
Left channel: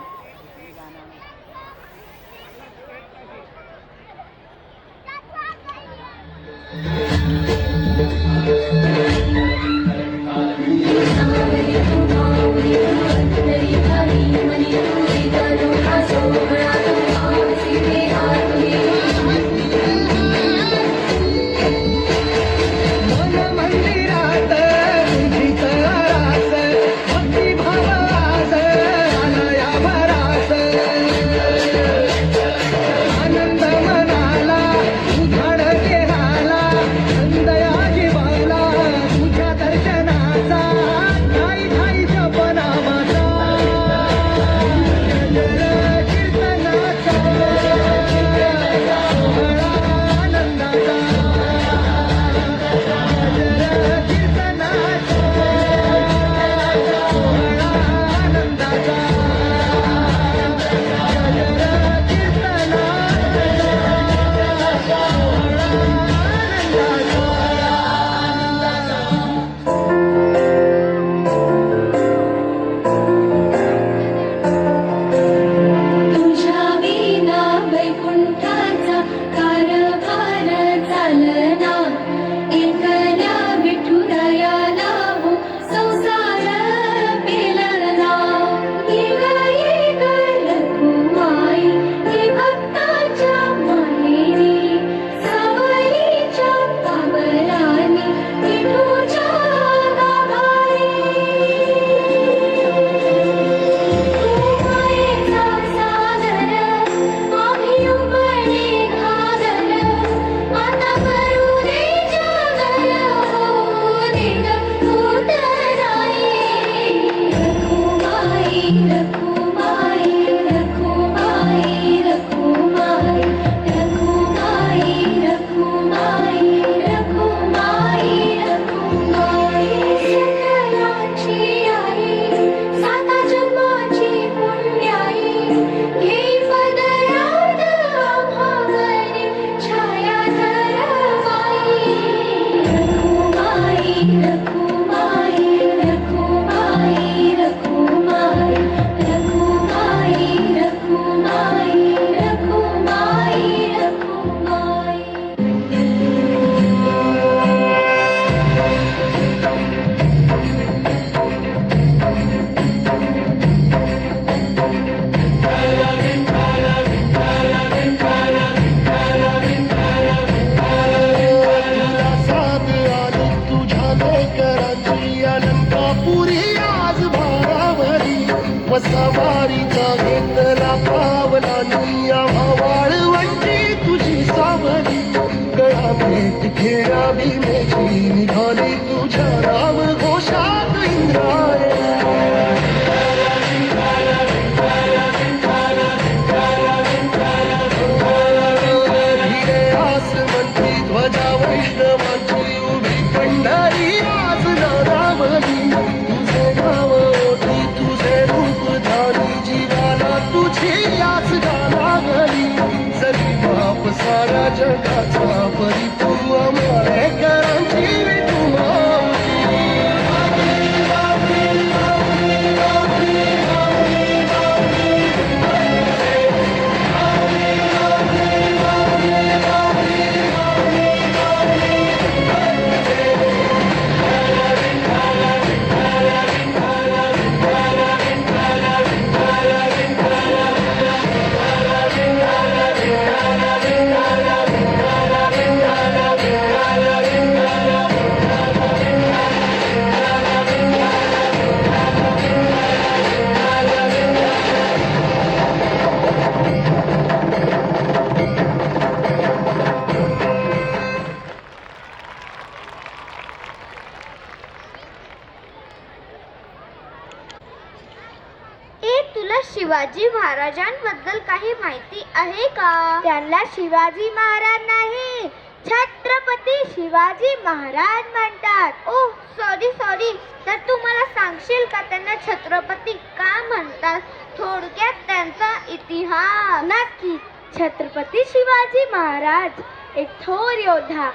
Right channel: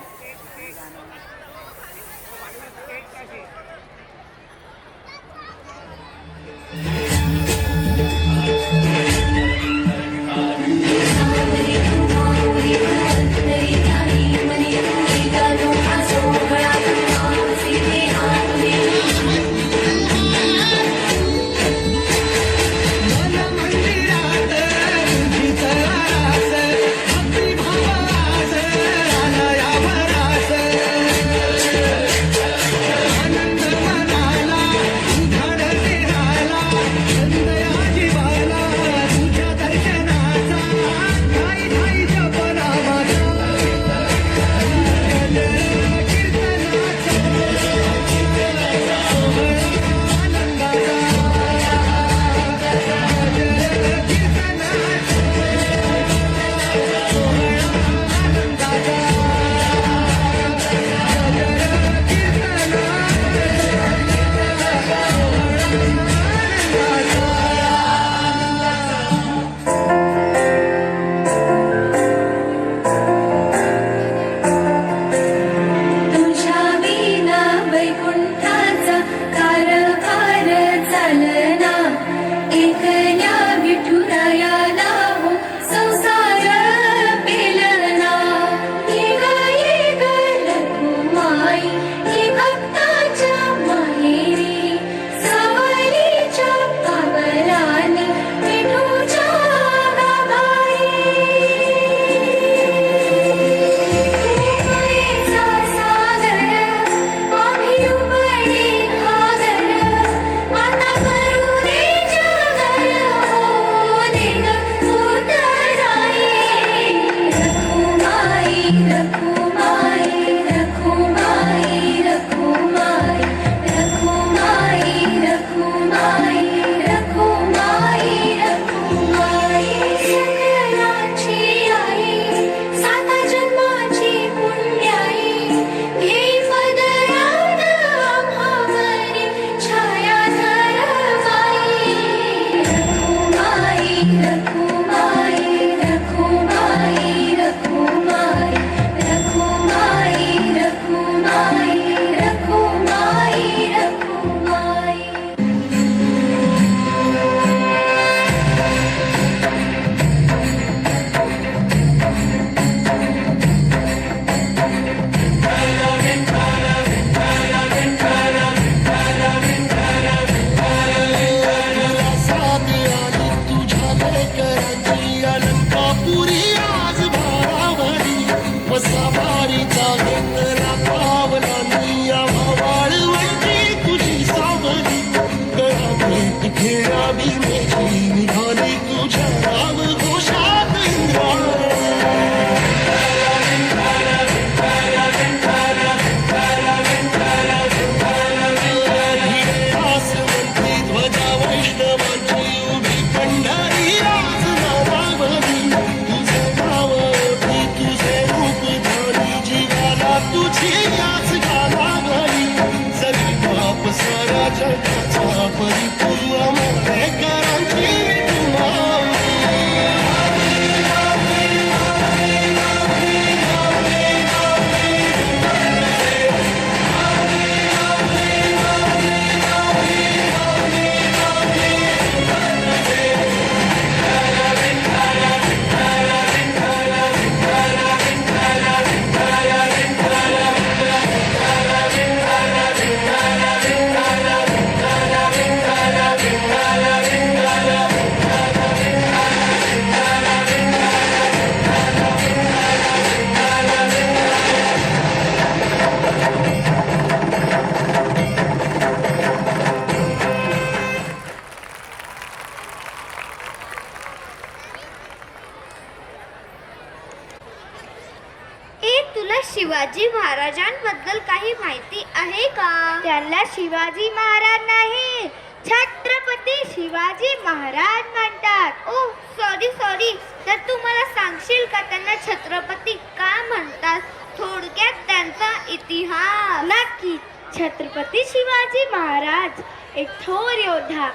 शिवाजी महाराजांबद्दल काही माहिती आहे का? त्यांना शिवाजी महाराज नाही, छत्रपती शिवाजी महाराज म्हणतात. ओ सॉरी, तर तू मला सांगशील का त्यांना छत्रपती का म्हणतात? थोडक्यात त्यांचा इतिहास. नक्की. छत्रपती शिवाजी महाराज एक थोर योद्धा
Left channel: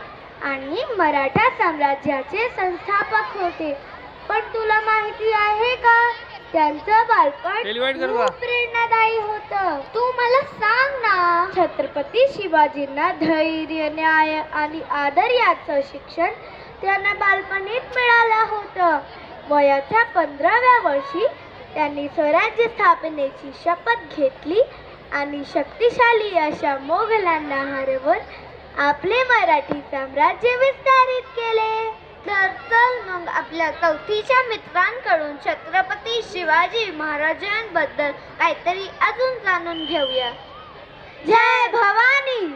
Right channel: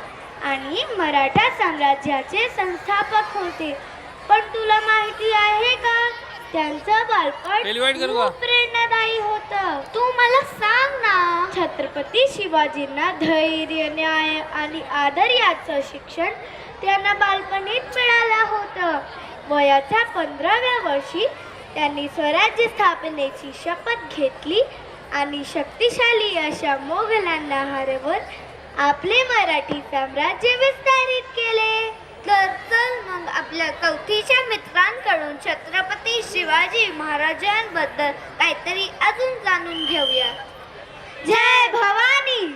आणि मराठा साम्राज्याचे संस्थापक होते. पण तुला माहिती आहे का, त्यांचं बालपण खूप प्रेरणादायी होतं. तू मला सांग ना. छत्रपती शिवाजींना धैर्य, न्याय आणि आदर याचं शिक्षण त्यांना बालपणीच मिळालं होतं. वयाच्या 15व्या वर्षी त्यांनी स्वराज्य स्थापनेची शपथ घेतली आणि शक्तिशाली अशा मोगलांना हरवून आपले मराठी साम्राज्य विस्तारित केले. तर चल मग आपल्या कवठीच्या मित्रांकडून छत्रपती शिवाजी महाराजांबद्दल काहीतरी अजून जाणून घेऊया. जय भवानी.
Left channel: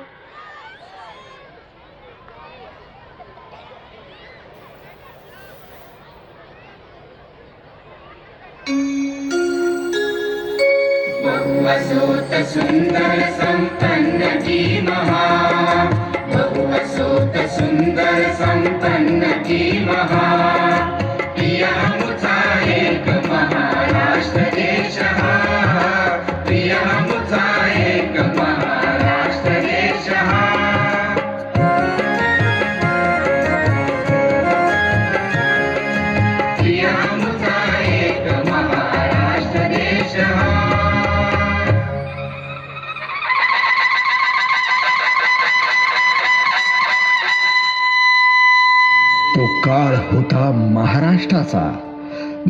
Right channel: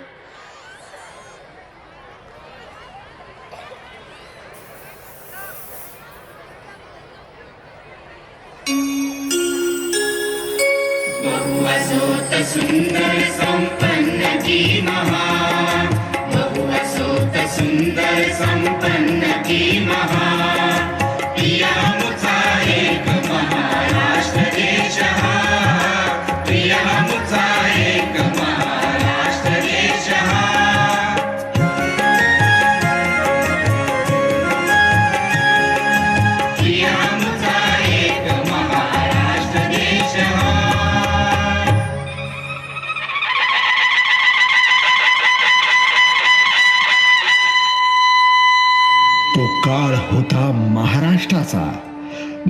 तो काळ होता महाराष्ट्राचा,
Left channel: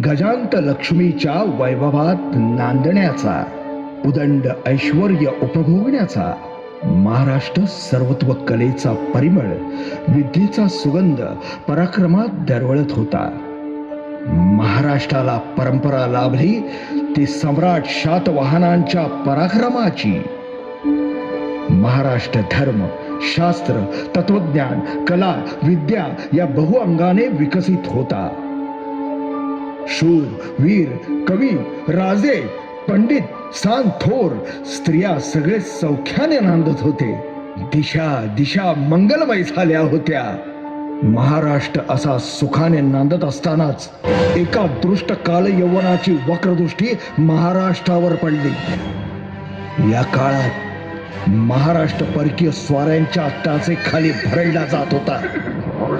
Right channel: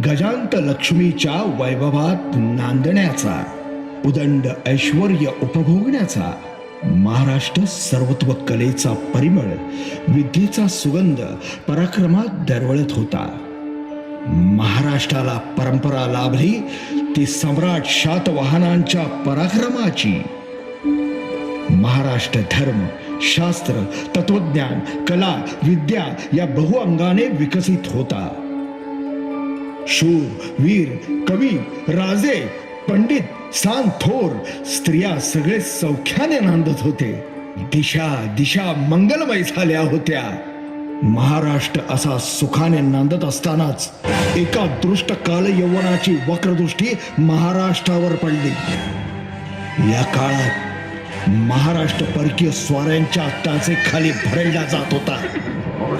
गजांत लक्ष्मीच्या वैभवात नांदण्याचा, उदंड ऐश्वर्य उपभोगण्याचा. महाराष्ट्र सर्वत्व कलेचा परिमळ, विद्येचा सुगंध पराक्रमात दरवळत होता. महाराष्ट्राला परंपरा लाभली ती सम्राट शातवाहनांच्या पराक्रमाची. महाराष्ट्र धर्म, शास्त्र, तत्वज्ञान, कला, विद्या या बहुअंगाने विकसित होता. शूर, वीर, कवी, राजे, पंडित, सांत, थोर, स्त्रिया सगळे सौख्याने नांदत होते. दिशा मंगलमय झाल्या होत्या. महाराष्ट्र असा सुखाने नांदत असतानाच एका दृष्ट काल यौवनाची वक्रदृष्टी महाराष्ट्रावर पडली. या काळात महाराष्ट्र परकीय स्वाऱ्यांच्या अत्याचे खाली भरडला जात होता.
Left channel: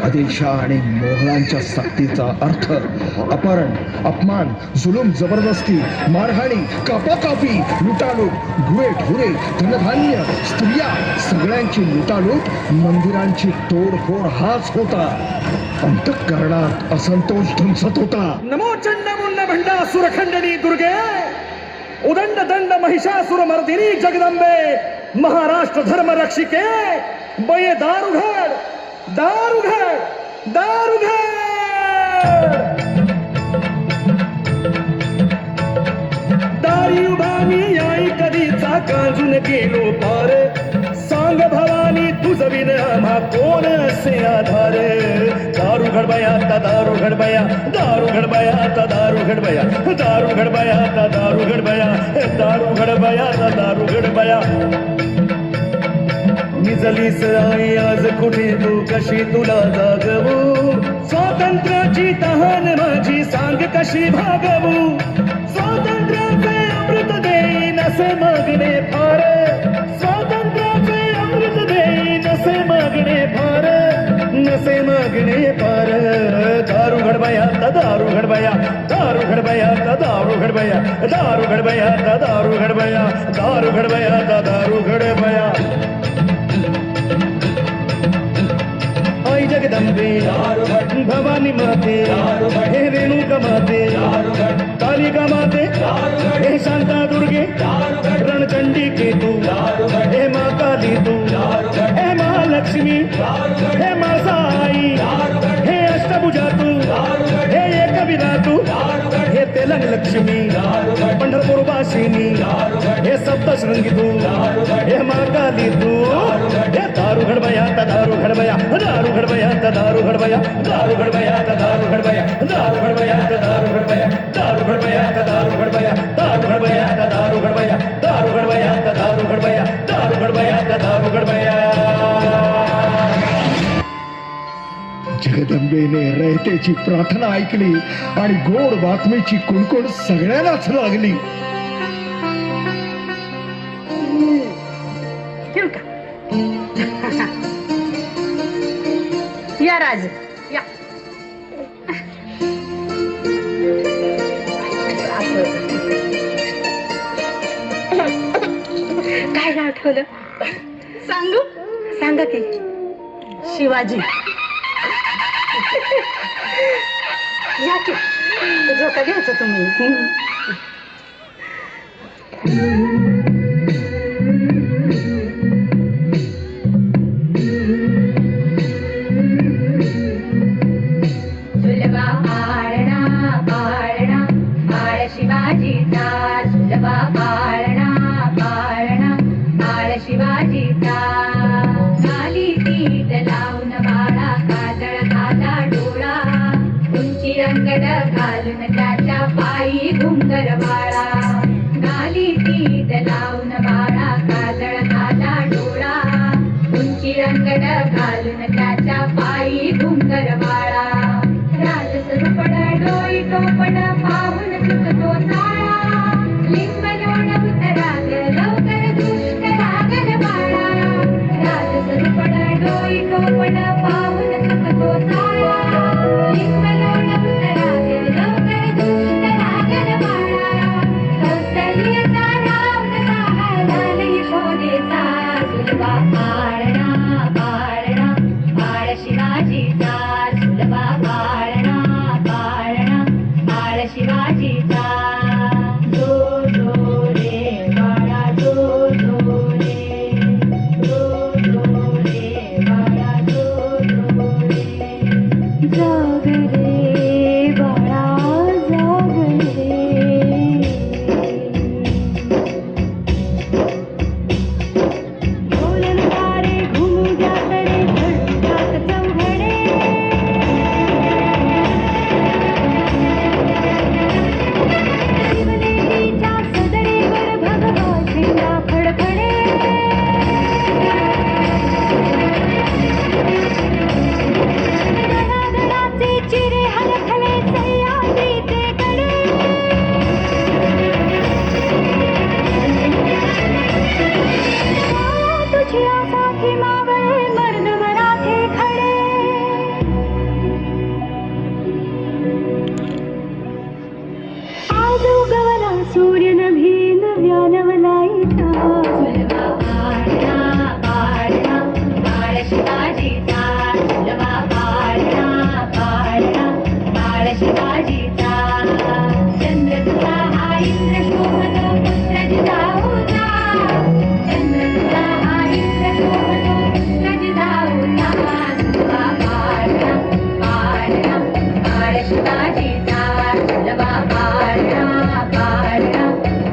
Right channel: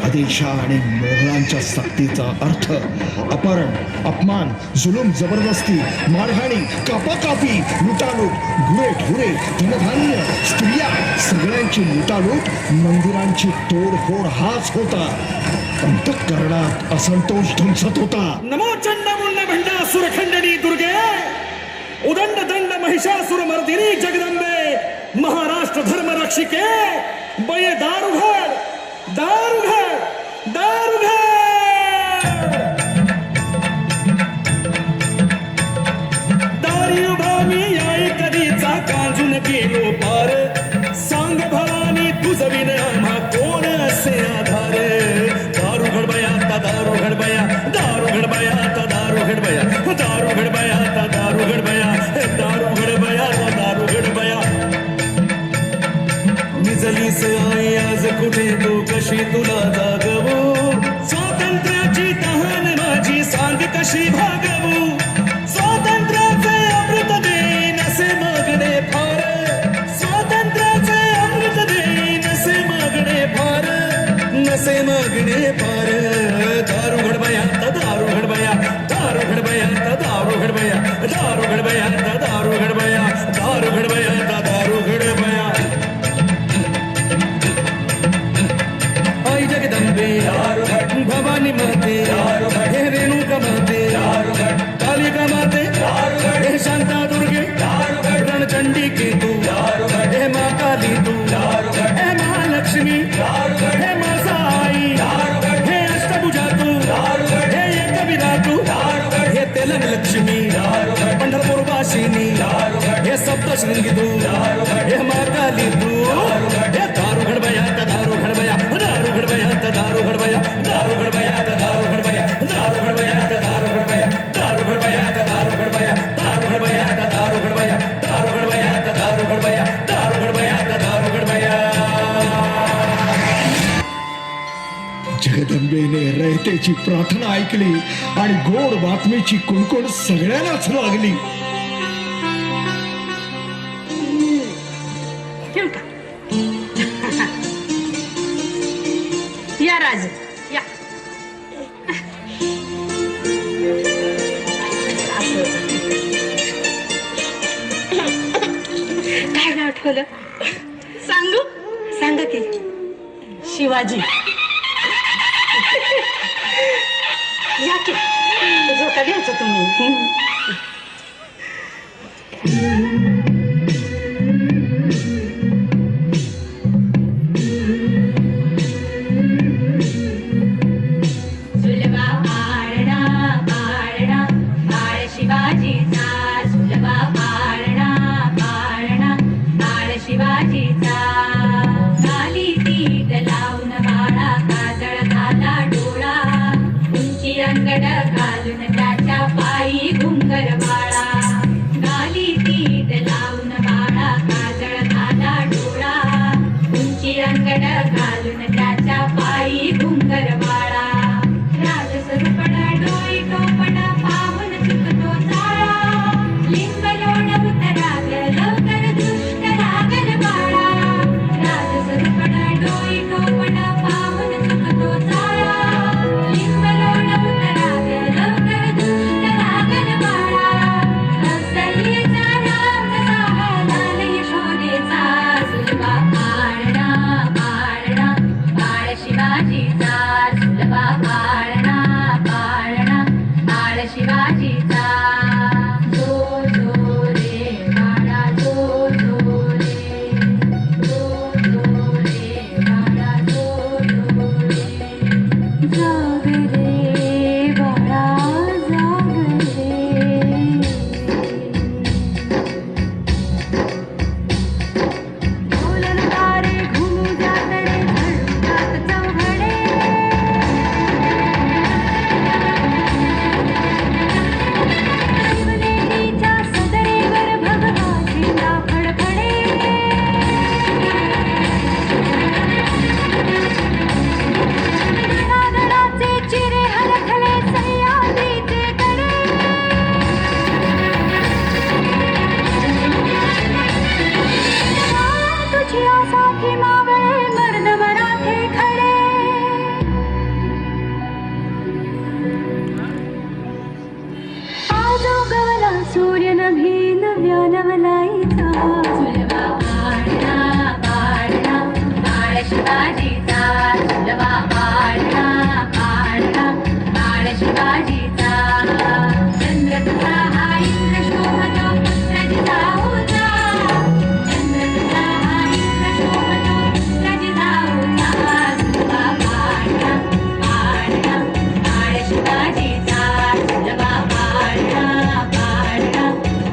आदिलशाह आणि मोगलांच्या सक्तीचा अर्थ अपहरण, अपमान, जुलूम, जबरदस्ती, मारहाणी, कापाकापी, लुटालूट, गुरेढोरे, धनधान्य, स्त्रिया सगळ्यांची लुटालूट, मंदिरांची तोडफोड हाच होता. अंतःकरणात असंतोष धुमसत होता. नमो चंडमुंड भंडासुर खंडनी दुर्गे, उदंड दंड महिषासुर मर्दिनी जगदंबे, महाराष्ट्र धर्म रक्षिके, बये दार उघड, दार उघड, दार उघड. दारी उभा मी आई कधीचा काजून गेलो पार, सांग भवानी तुझं विन आम्हा कोण असे आधार. दारू घडबया आता दारू घडबया, दारू घडबया आता दारू घडबया, दारू घडबया आता दारू घडबया, दारू घडबया आता दारू घडबया. निजलीस आई आज कुठे तू कशी तुला जागवू, स्वातंत्र्याची तहान माझी सांग कशी भागवू. स्वातंत्र्याचे अमृत देईन असे मागणे फार, स्वातंत्र्याचे अमृत देईन असे मागणे फार, नसे मागणे फार. दारू घडबया आता दारू घडबया, दारू घडबया आता दारू घडबया, दारू घडबया आता दारू घडबया, दारू घडबया आता दारू घडबया. आई जगदंबे भवानी माते, हे रेणुका माते, कालिका माते, हे शांता दुर्गे, रणचंडी तू, हे मा काली तू, हे महालक्ष्मी, हे माझा आई, हे अष्टभुजा तू, हे एकविरा तू, हे तेलंग लक्ष्मी, पंढरपूर वासिनी, हे सप्तशृंगी तू, हे मा काली तू. हे दारू घडबया आता दारू घडबया, दारू घडबया आता दारू घडबया, दारू घडबया आता दारू घडबया, दारू घडबया आता दारू घडबया, दारू घडबया आता दारू घडबया, दारू घडबया आता दारू जगदंबेने रयतेची प्रार्थना ऐकली आणि गोड बातमीची कुणकुण सगळ्यांनाच लागली. ठेवू का? या राज या. काय गाव आठवलं सांगू? सांगा की. शिवाजी. या की झोका घ्यायचं तुम्ही. सुलभा पाळणा पाळणा बाळ शिवाजीचा, सुलभा पाळणा पाळणा बाळ शिवाजीचा. खाली पीठ लावून बाळा काजळ घाला डोळा, उंची अंगड घालून त्याच्या पायी घुंगर बाळा. खाली पीठ लावून बाळा काजळ घाला डोळा, उंची अंगड घालून त्याच्या पायी घुंगर बाळा. राजस्वरूपड डोई टोपड पाहून चुकतो चाळा, लिंग लोण उतराग लवकर दुष्ट लागल बाळा. राजस्वरूपड डोई टोपड पाहून चुकतो चाळा, लिंग लोण उतराग लवकर दुष्ट लागल बाळा. कौसल्येचा राम जसा लाल यशोदेचा, सुलभा पाळणा पाळणा बाळ शिवाजीचा, सुलभा पाळणा पाळणा बाळ शिवाजीचा. जो जो रे बाळा जो जो रे, जो जो रे बाळा जो जो रे. जाग रे बाळा जाग रे. बोलन तारे घुमू जात रे धडकात चौघडे. शिवलेलीच्या सदरेवर भगवा झेंडा फडफडे. धडाधडाचे चिरे हलखले सह्याद्रीचे कडे. तुझी आसाखी मावळे मर्द मराठे खडे. आज उगवला सूर्य नभी नव्या नवलाईचा, सुलभा पाळणा पाळणा बाळ शिवाजीचा, सुलभा पाळणा पाळणा बाळ शिवाजीचा. चंद्र तुझा हा इंद्र शोभतो पुत्र जिजाऊचा, चंद्र तुझा हा इंद्र शोभतो पुत्र जिजाऊचा. सुलभा पाळणा पाळणा बाळ शिवाजीचा, सुलभा पाळणा पाळणा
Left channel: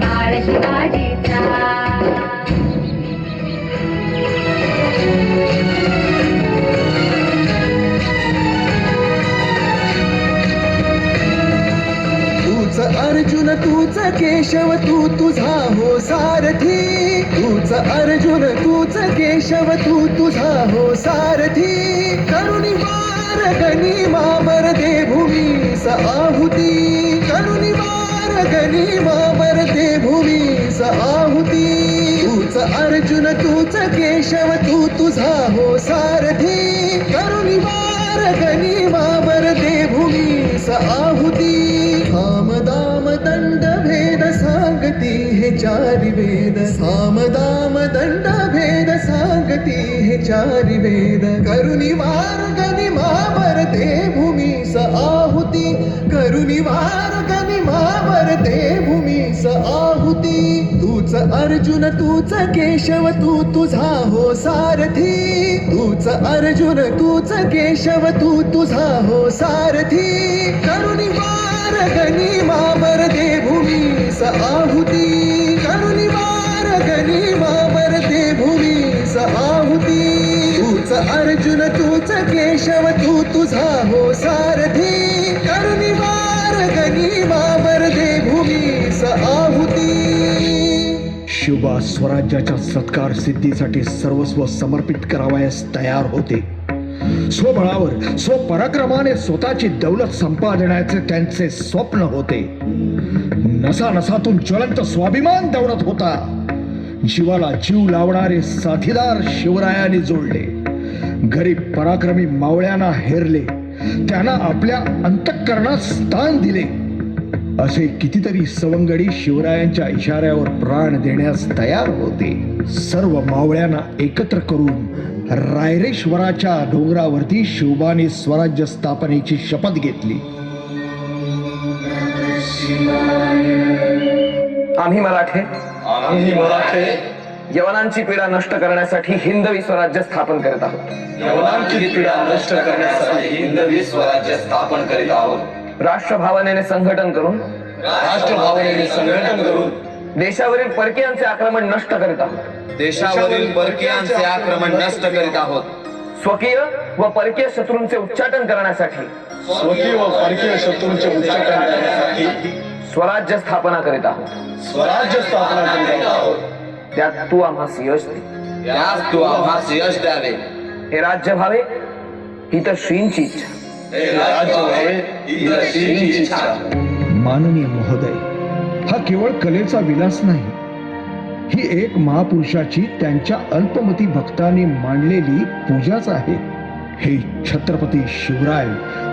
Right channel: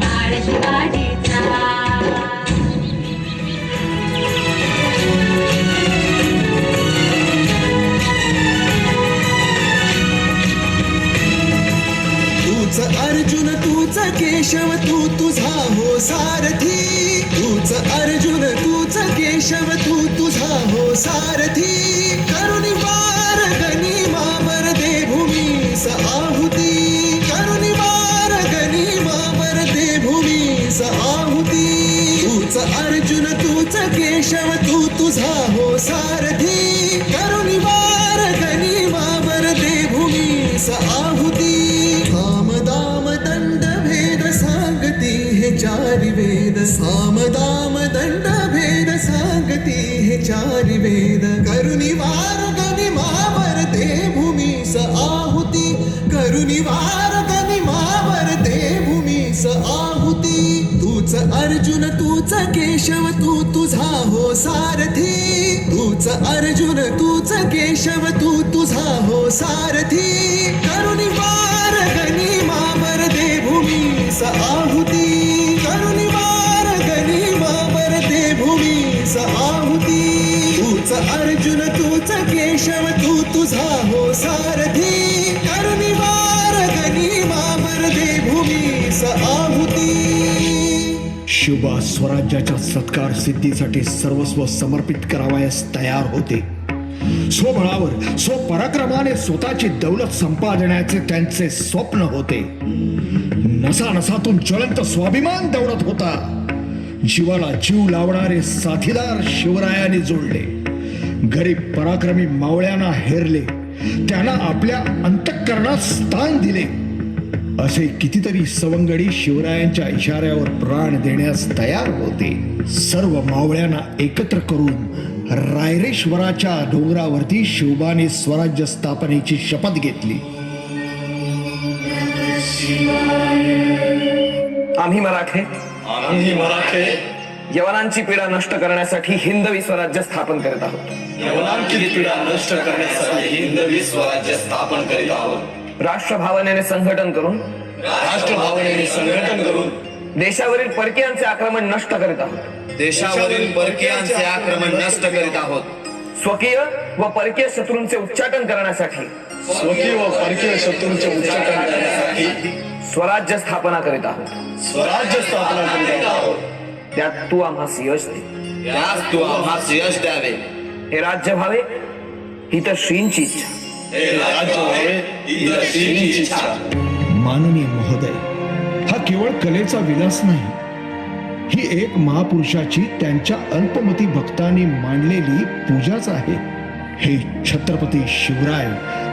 बाळ शिवाजीचा. तूच अर्जुन तूच केशव तू तुझा हो सारथी. तूच अर्जुन तूच केशव तू तुझा हो सारथी. करुणी वार गणी मावर दे भूमीस आहुती. करुणी वार गणी मावर दे भूमीस आहुती. तूच अर्जुन तूच केशव तू तुझा हो सारथी. करुणी वार गणी मावर दे भूमीस आहुती. साम दाम दंड भेद सांगती हे चारी वेद. साम दाम दंड भेद सांगती हे चारी वेद. करुणी वार गणी मावर दे भूमीस आहुती. करुणी वार गणी मावर दे भूमीस आहुती. तूच अर्जुन तूच केशव तू तुझा हो सारथी. तूच अर्जुन तूच केशव तू तुझा हो सारथी. करुणी वार गणी मावर दे भूमीस आहुती. करुणी वार गणी मावर दे भूमीस आहुती. तूच अर्जुन तूच केशव तू तुझा हो सारथी. करुणी वार गणी मावर दे भूमीस आहुती. शिवबा स्वराज्याच्या सत्कार सिद्धीसाठी सर्वस्व समर्पित करावयास तयार होते. स्वबळावर स्वपराक्रमाने स्वतःची दौलत संपादण्याचे त्यांचे स्वप्न होते. नसा नसातून ज्वलंत स्वाभिमान दौडत होता. जीवाला जीव लावणारे साथीदार शिवरायांनी जोडले. गरीब पराक्रमी मावळ्यांना हेरले. त्यांना आपल्या अंतःकरणात स्थान दिले. असे कितीतरी सवंगडी शिवरायांच्या इशाऱ्यावर प्राण देण्यास तयार होते. सर्व मावळ्यांना एकत्र करून रायरेश्वराच्या डोंगरावरती शिवबाने स्वराज्य स्थापनेची शपथ घेतली. आम्ही मराठे यवनांची पीडा नष्ट करण्यासाठी हिंदवी स्वराज्य स्थापन करत आहोत. राष्ट्रभावनेने संघटन करून देशावरील परकीयांचे आक्रमण नष्ट करीत आहोत. स्वकीय व परकीय शत्रूंचे उच्चाटन करण्यासाठी स्वराज्य स्थापना करीत आहोत. त्यात तू आम्हास यश द्यावे. हे राज्य व्हावे ही तर श्रींची इच्छा. माननीय महोदय, हा केवळ कलेचा विलास नाही, ही एक महापुरुषाची त्यांच्या अल्पमती भक्तांनी मांडलेली पूजाच आहे. हे छत्रपती शिवराय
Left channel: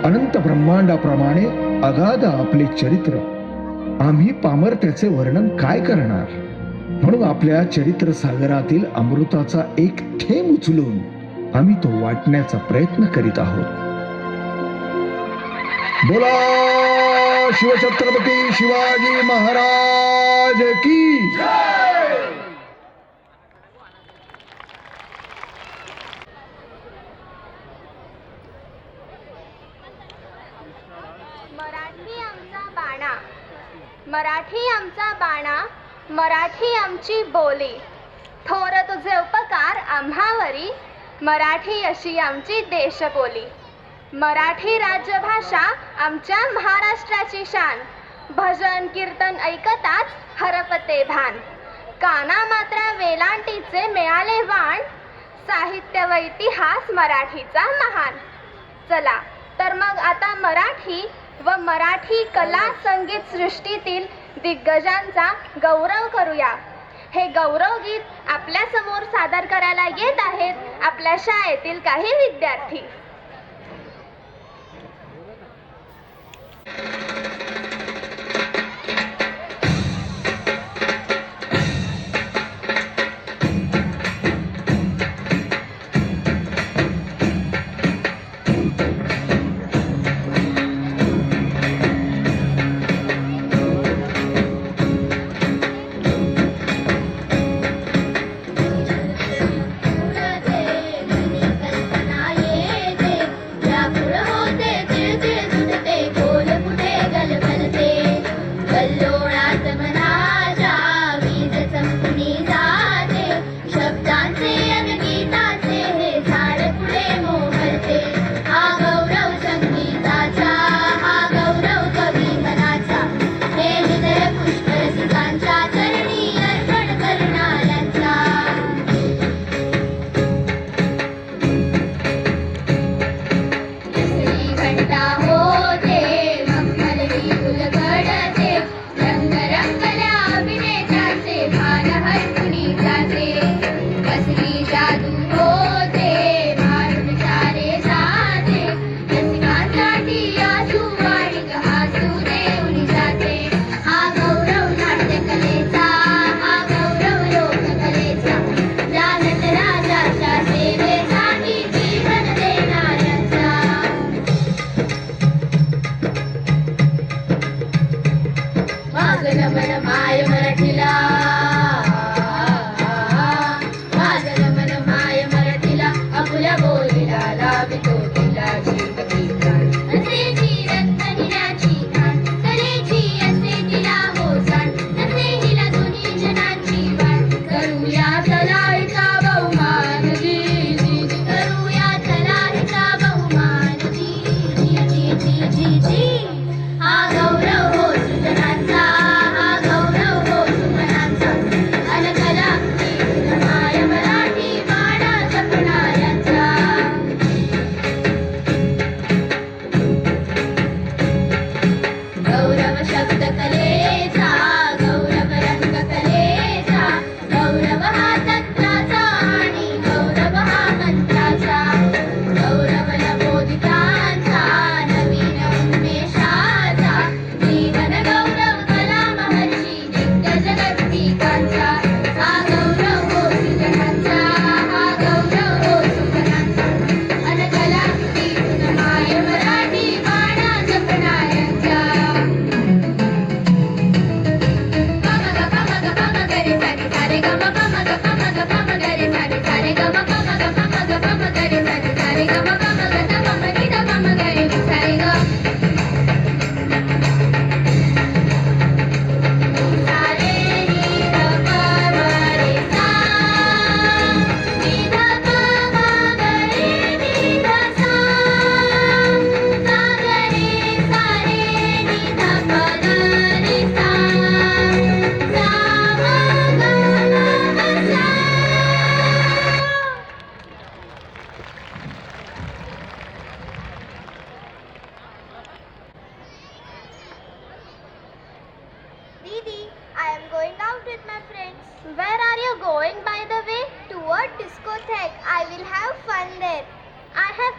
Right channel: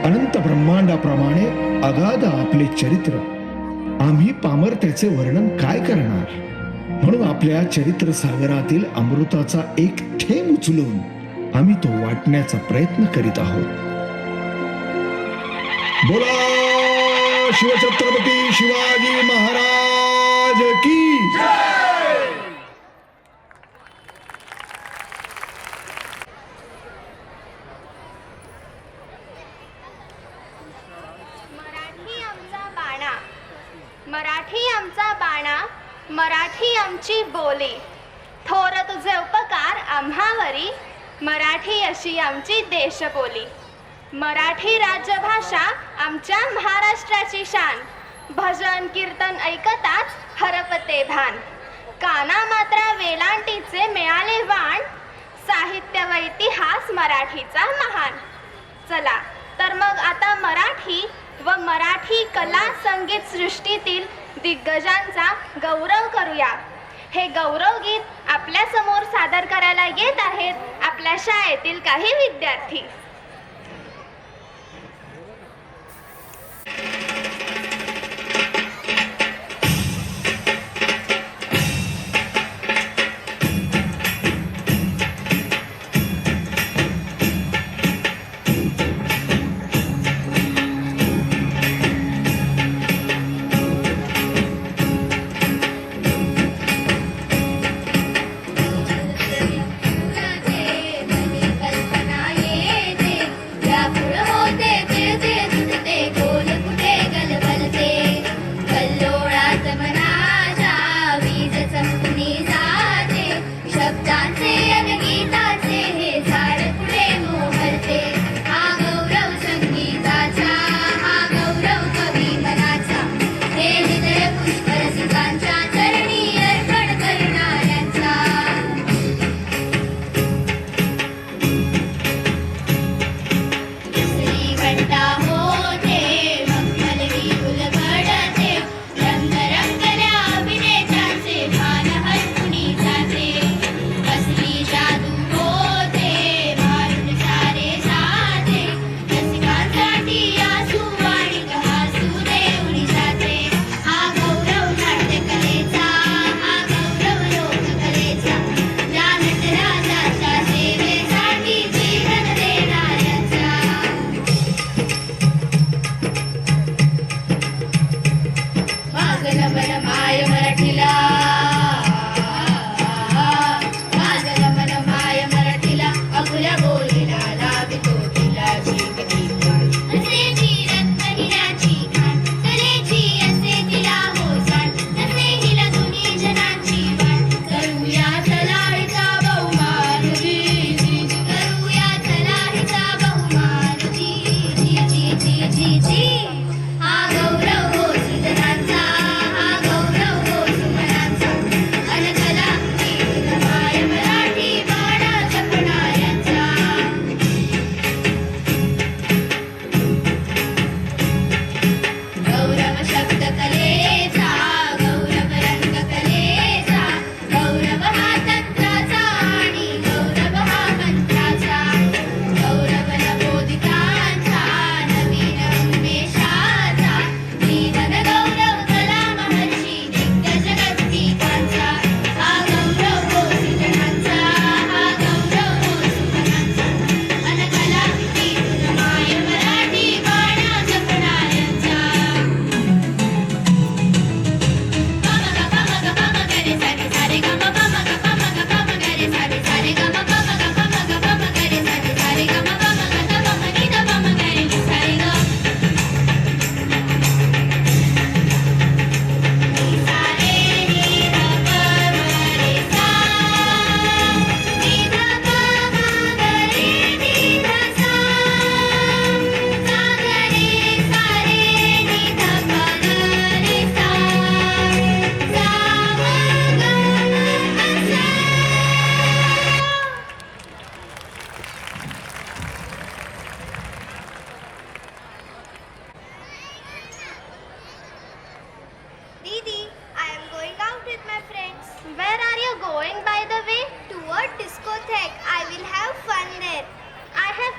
अनंत ब्रह्मांडाप्रमाणे अगाध आपले चरित्र. आम्ही पामर त्याचे वर्णन काय करणार. म्हणून आपल्या चरित्र सागरातील अमृताचा एक थेंब उचलून आम्ही तो वाटण्याचा प्रयत्न करीत आहोत. बोला शिवछत्रपती शिवाजी महाराज की. मराठी आमचा बाणा, मराठी आमची बोली. थोर तुझे उपकार आम्हावरी, मराठी अशी आमची देशबोली. मराठी राजभाषा आमच्या महाराष्ट्राची शान. भजन कीर्तन ऐकताच हरपते भान. काना मात्रा वेलांटीचे मिळाले वाण, साहित्य व इतिहास मराठीचा महान. चला तर मग आता मराठी व मराठी कला संगीत सृष्टीतील दिग्गजांचा गौरव करूया. हे गौरव गीत आपल्या समोर सादर करायला येत आहेत आपल्या शाळेतील काही विद्यार्थी. कल्पना ये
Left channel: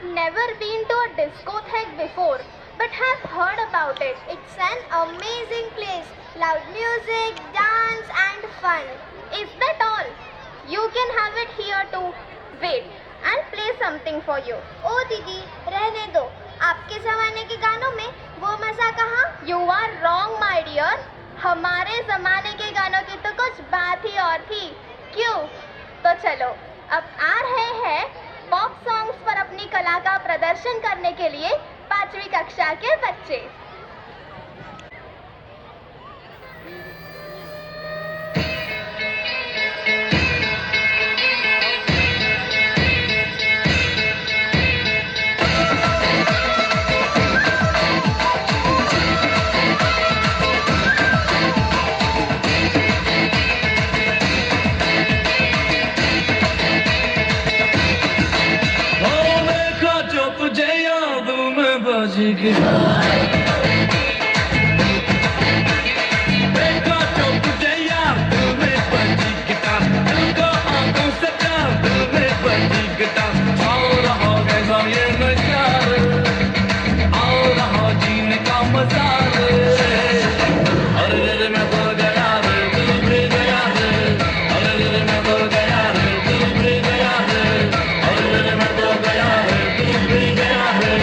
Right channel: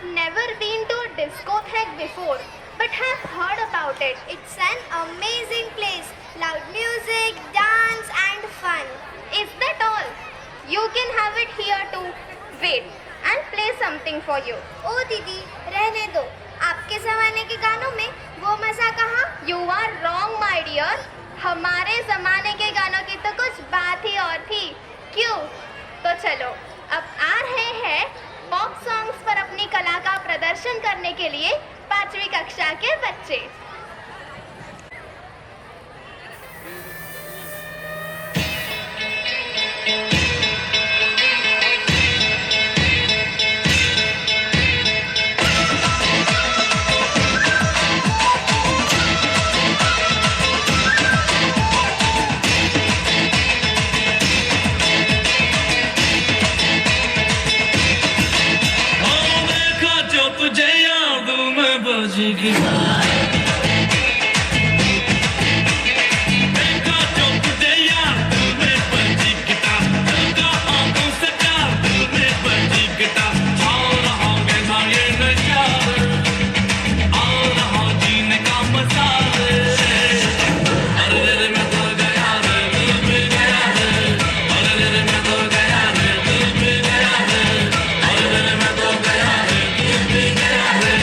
have never been to a discotheque before, but have heard about it. It's an amazing place. Loud music, dance and fun. Is that all? You can have it here too. Wait, I'll play something for you. ओ दीदी रहने दो, आपके जमाने के गानों में वो मजा कहाँ? You are wrong, my dear. हमारे जमाने के गानों की तो कुछ बात ही और थी. क्यों? तो चलो, अब आ रहे हैं पॉप सॉन्ग्स पर अपनी कला का प्रदर्शन करने के लिए 5वीं कक्षा के बच्चे. देखा जो तुझे याद में बाजी की देखा जो तुझे याद में बाजी गिटार दिल का आंखों से प्यार दिल में बाजी गिटार आ रहा कैसा ये नशा आ रहा जीने का मजा अरे रे मैं तो गया रे दिल भी गया रे अरे रे मैं तो गया रे दिल भी गया रे अरे रे मैं तो गया रे दिल भी गया रे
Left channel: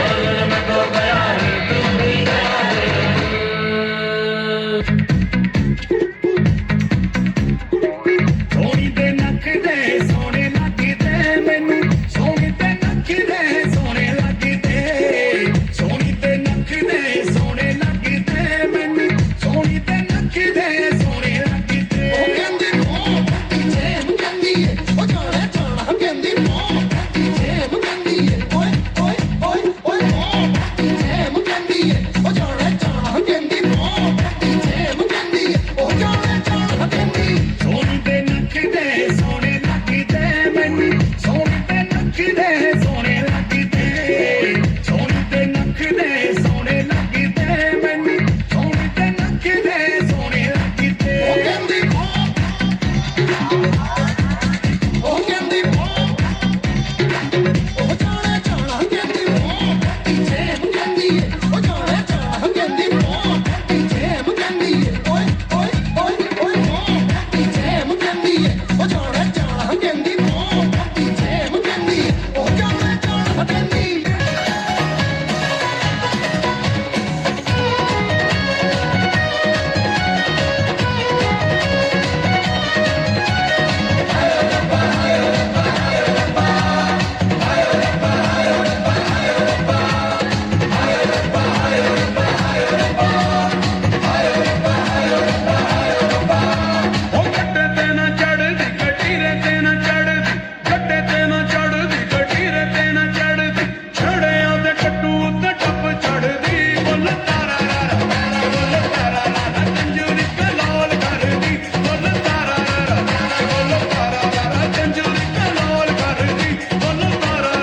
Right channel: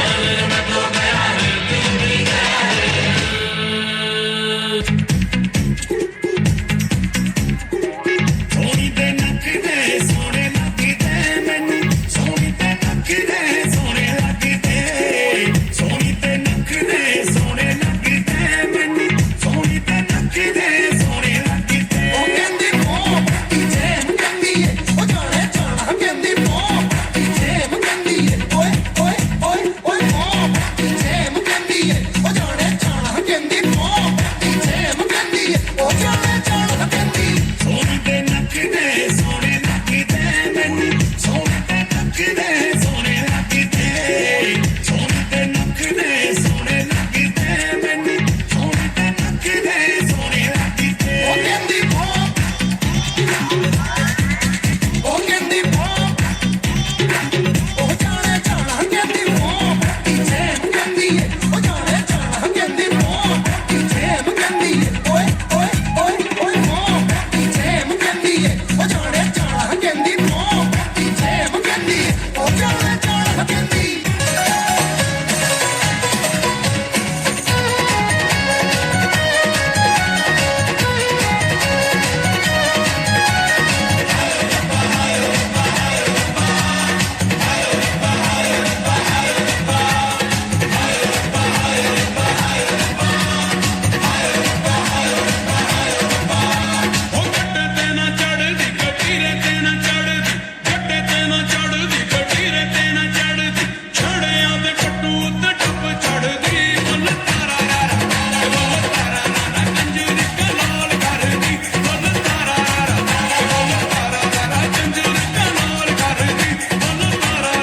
अरे रे मैं तो गया रे दिल भी गया रे ਸੋਹਣੀ ਤੇ ਨੱਕਦੇ ਸੋਹਣੇ ਲੱਗਦੇ ਮੈਨੂੰ ਸੋਹਣੀ ਤੇ ਨੱਕਦੇ ਸੋਹਣੇ ਲੱਗਦੇ ਸੋਹਣੀ ਤੇ ਨੱਕਦੇ ਸੋਹਣੇ ਲੱਗਦੇ ਮੈਨੂੰ ਸੋਹਣੀ ਤੇ ਨੱਕਦੇ ਸੋਹਣੇ ਲੱਗਦੇ ਉਹ ਕਹਿੰਦੀ ਮੋਹ ਪੱਟੀ ਜੇਮ ਕਹਿੰਦੀ ਏ ਉਹ ਜਾਣੇ ਜਾਣਾ ਕਹਿੰਦੀ ਮੋਹ ਪੱਟੀ ਜੇਮ ਕਹਿੰਦੀ ਏ ਓਏ ਓਏ ਓਏ ਓਏ ਮੋਹ ਪੱਟੀ ਜੇਮ ਕਹਿੰਦੀ ਏ ਉਹ ਜਾਣੇ ਜਾਣਾ ਕਹਿੰਦੀ ਮੋਹ ਪੱਟੀ ਜੇਮ ਕਹਿੰਦੀ ਏ ਉਹ ਜਾਣੇ ਜਾਣਾ ਕਹਿੰਦੀ ਸੋਹਣੀ ਤੇ ਨੱਕਦੇ ਸੋਹਣੇ ਲੱਗਦੇ ਮੈਨੂੰ ਸੋਹਣੇ ਤੇ ਨੱਕਦੇ ਸੋਹਣੇ ਲੱਗਦੇ ਸੋਹਣੇ ਤੇ ਨੱਕਦੇ ਸੋਹਣੇ ਲੱਗਦੇ ਮੈਨੂੰ ਸੋਹਣੇ ਤੇ ਨੱਕਦੇ ਸੋਹਣੇ ਲੱਗਦੇ ਉਹ ਕਹਿੰਦੀ ਉਹ ਕਹਿੰਦੀ ਉਹ ਜਾਣੇ ਜਾਣਾ ਕਹਿੰਦੀ ਉਹ ਪੱਟੀ ਜੇਮ ਕਹਿੰਦੀ ਏ ਉਹ ਜਾਣੇ ਜਾਣਾ ਕਹਿੰਦੀ ਉਹ ਪੱਟੀ ਜੇਮ ਕਹਿੰਦੀ ਏ ਓਏ ਓਏ ਓਏ ਓਏ ਉਹ ਪੱਟੀ ਜੇਮ ਕਹਿੰਦੀ ਏ ਉਹ ਜਾਣੇ ਜਾਣਾ ਕਹਿੰਦੀ ਉਹ ਪੱਟੀ ਜੇਮ ਕਹਿੰਦੀ ਏ ਉਹ ਜਾਣੇ ਜਾਣਾ ਕਹਿੰਦੀ ਉਹ ਗੱਡੇ ਤੇ ਨਾ ਚੜਦੀ ਗੱਡੀਰੇ ਤੇ ਨਾ ਚੜਦੀ ਗੱਡੇ ਤੇ ਨਾ ਚੜਦੀ ਗੱਡੀਰੇ ਤੇ ਨਾ ਚੜਦੀ ਛੜਿਆਂ ਦੇ ਟੱਟੂ ਉੱਤੇ ਟੱਪ ਚੜਦੀ ਬੁੱਲ ਤਾਰਾ ਰਾ ਬੁੱਲ ਤਾਰਾ ਰਾ ਕੰਜਰੀ ਕੇ ਲਾਲ ਕਰਦੀ ਬੁੱਲ ਤਾਰਾ ਰਾ ਬੁੱਲ ਤਾਰਾ ਰਾ ਕੰਜਰੀ ਕੇ ਲਾਲ ਕਰਦੀ ਬੁੱਲ ਤਾਰਾ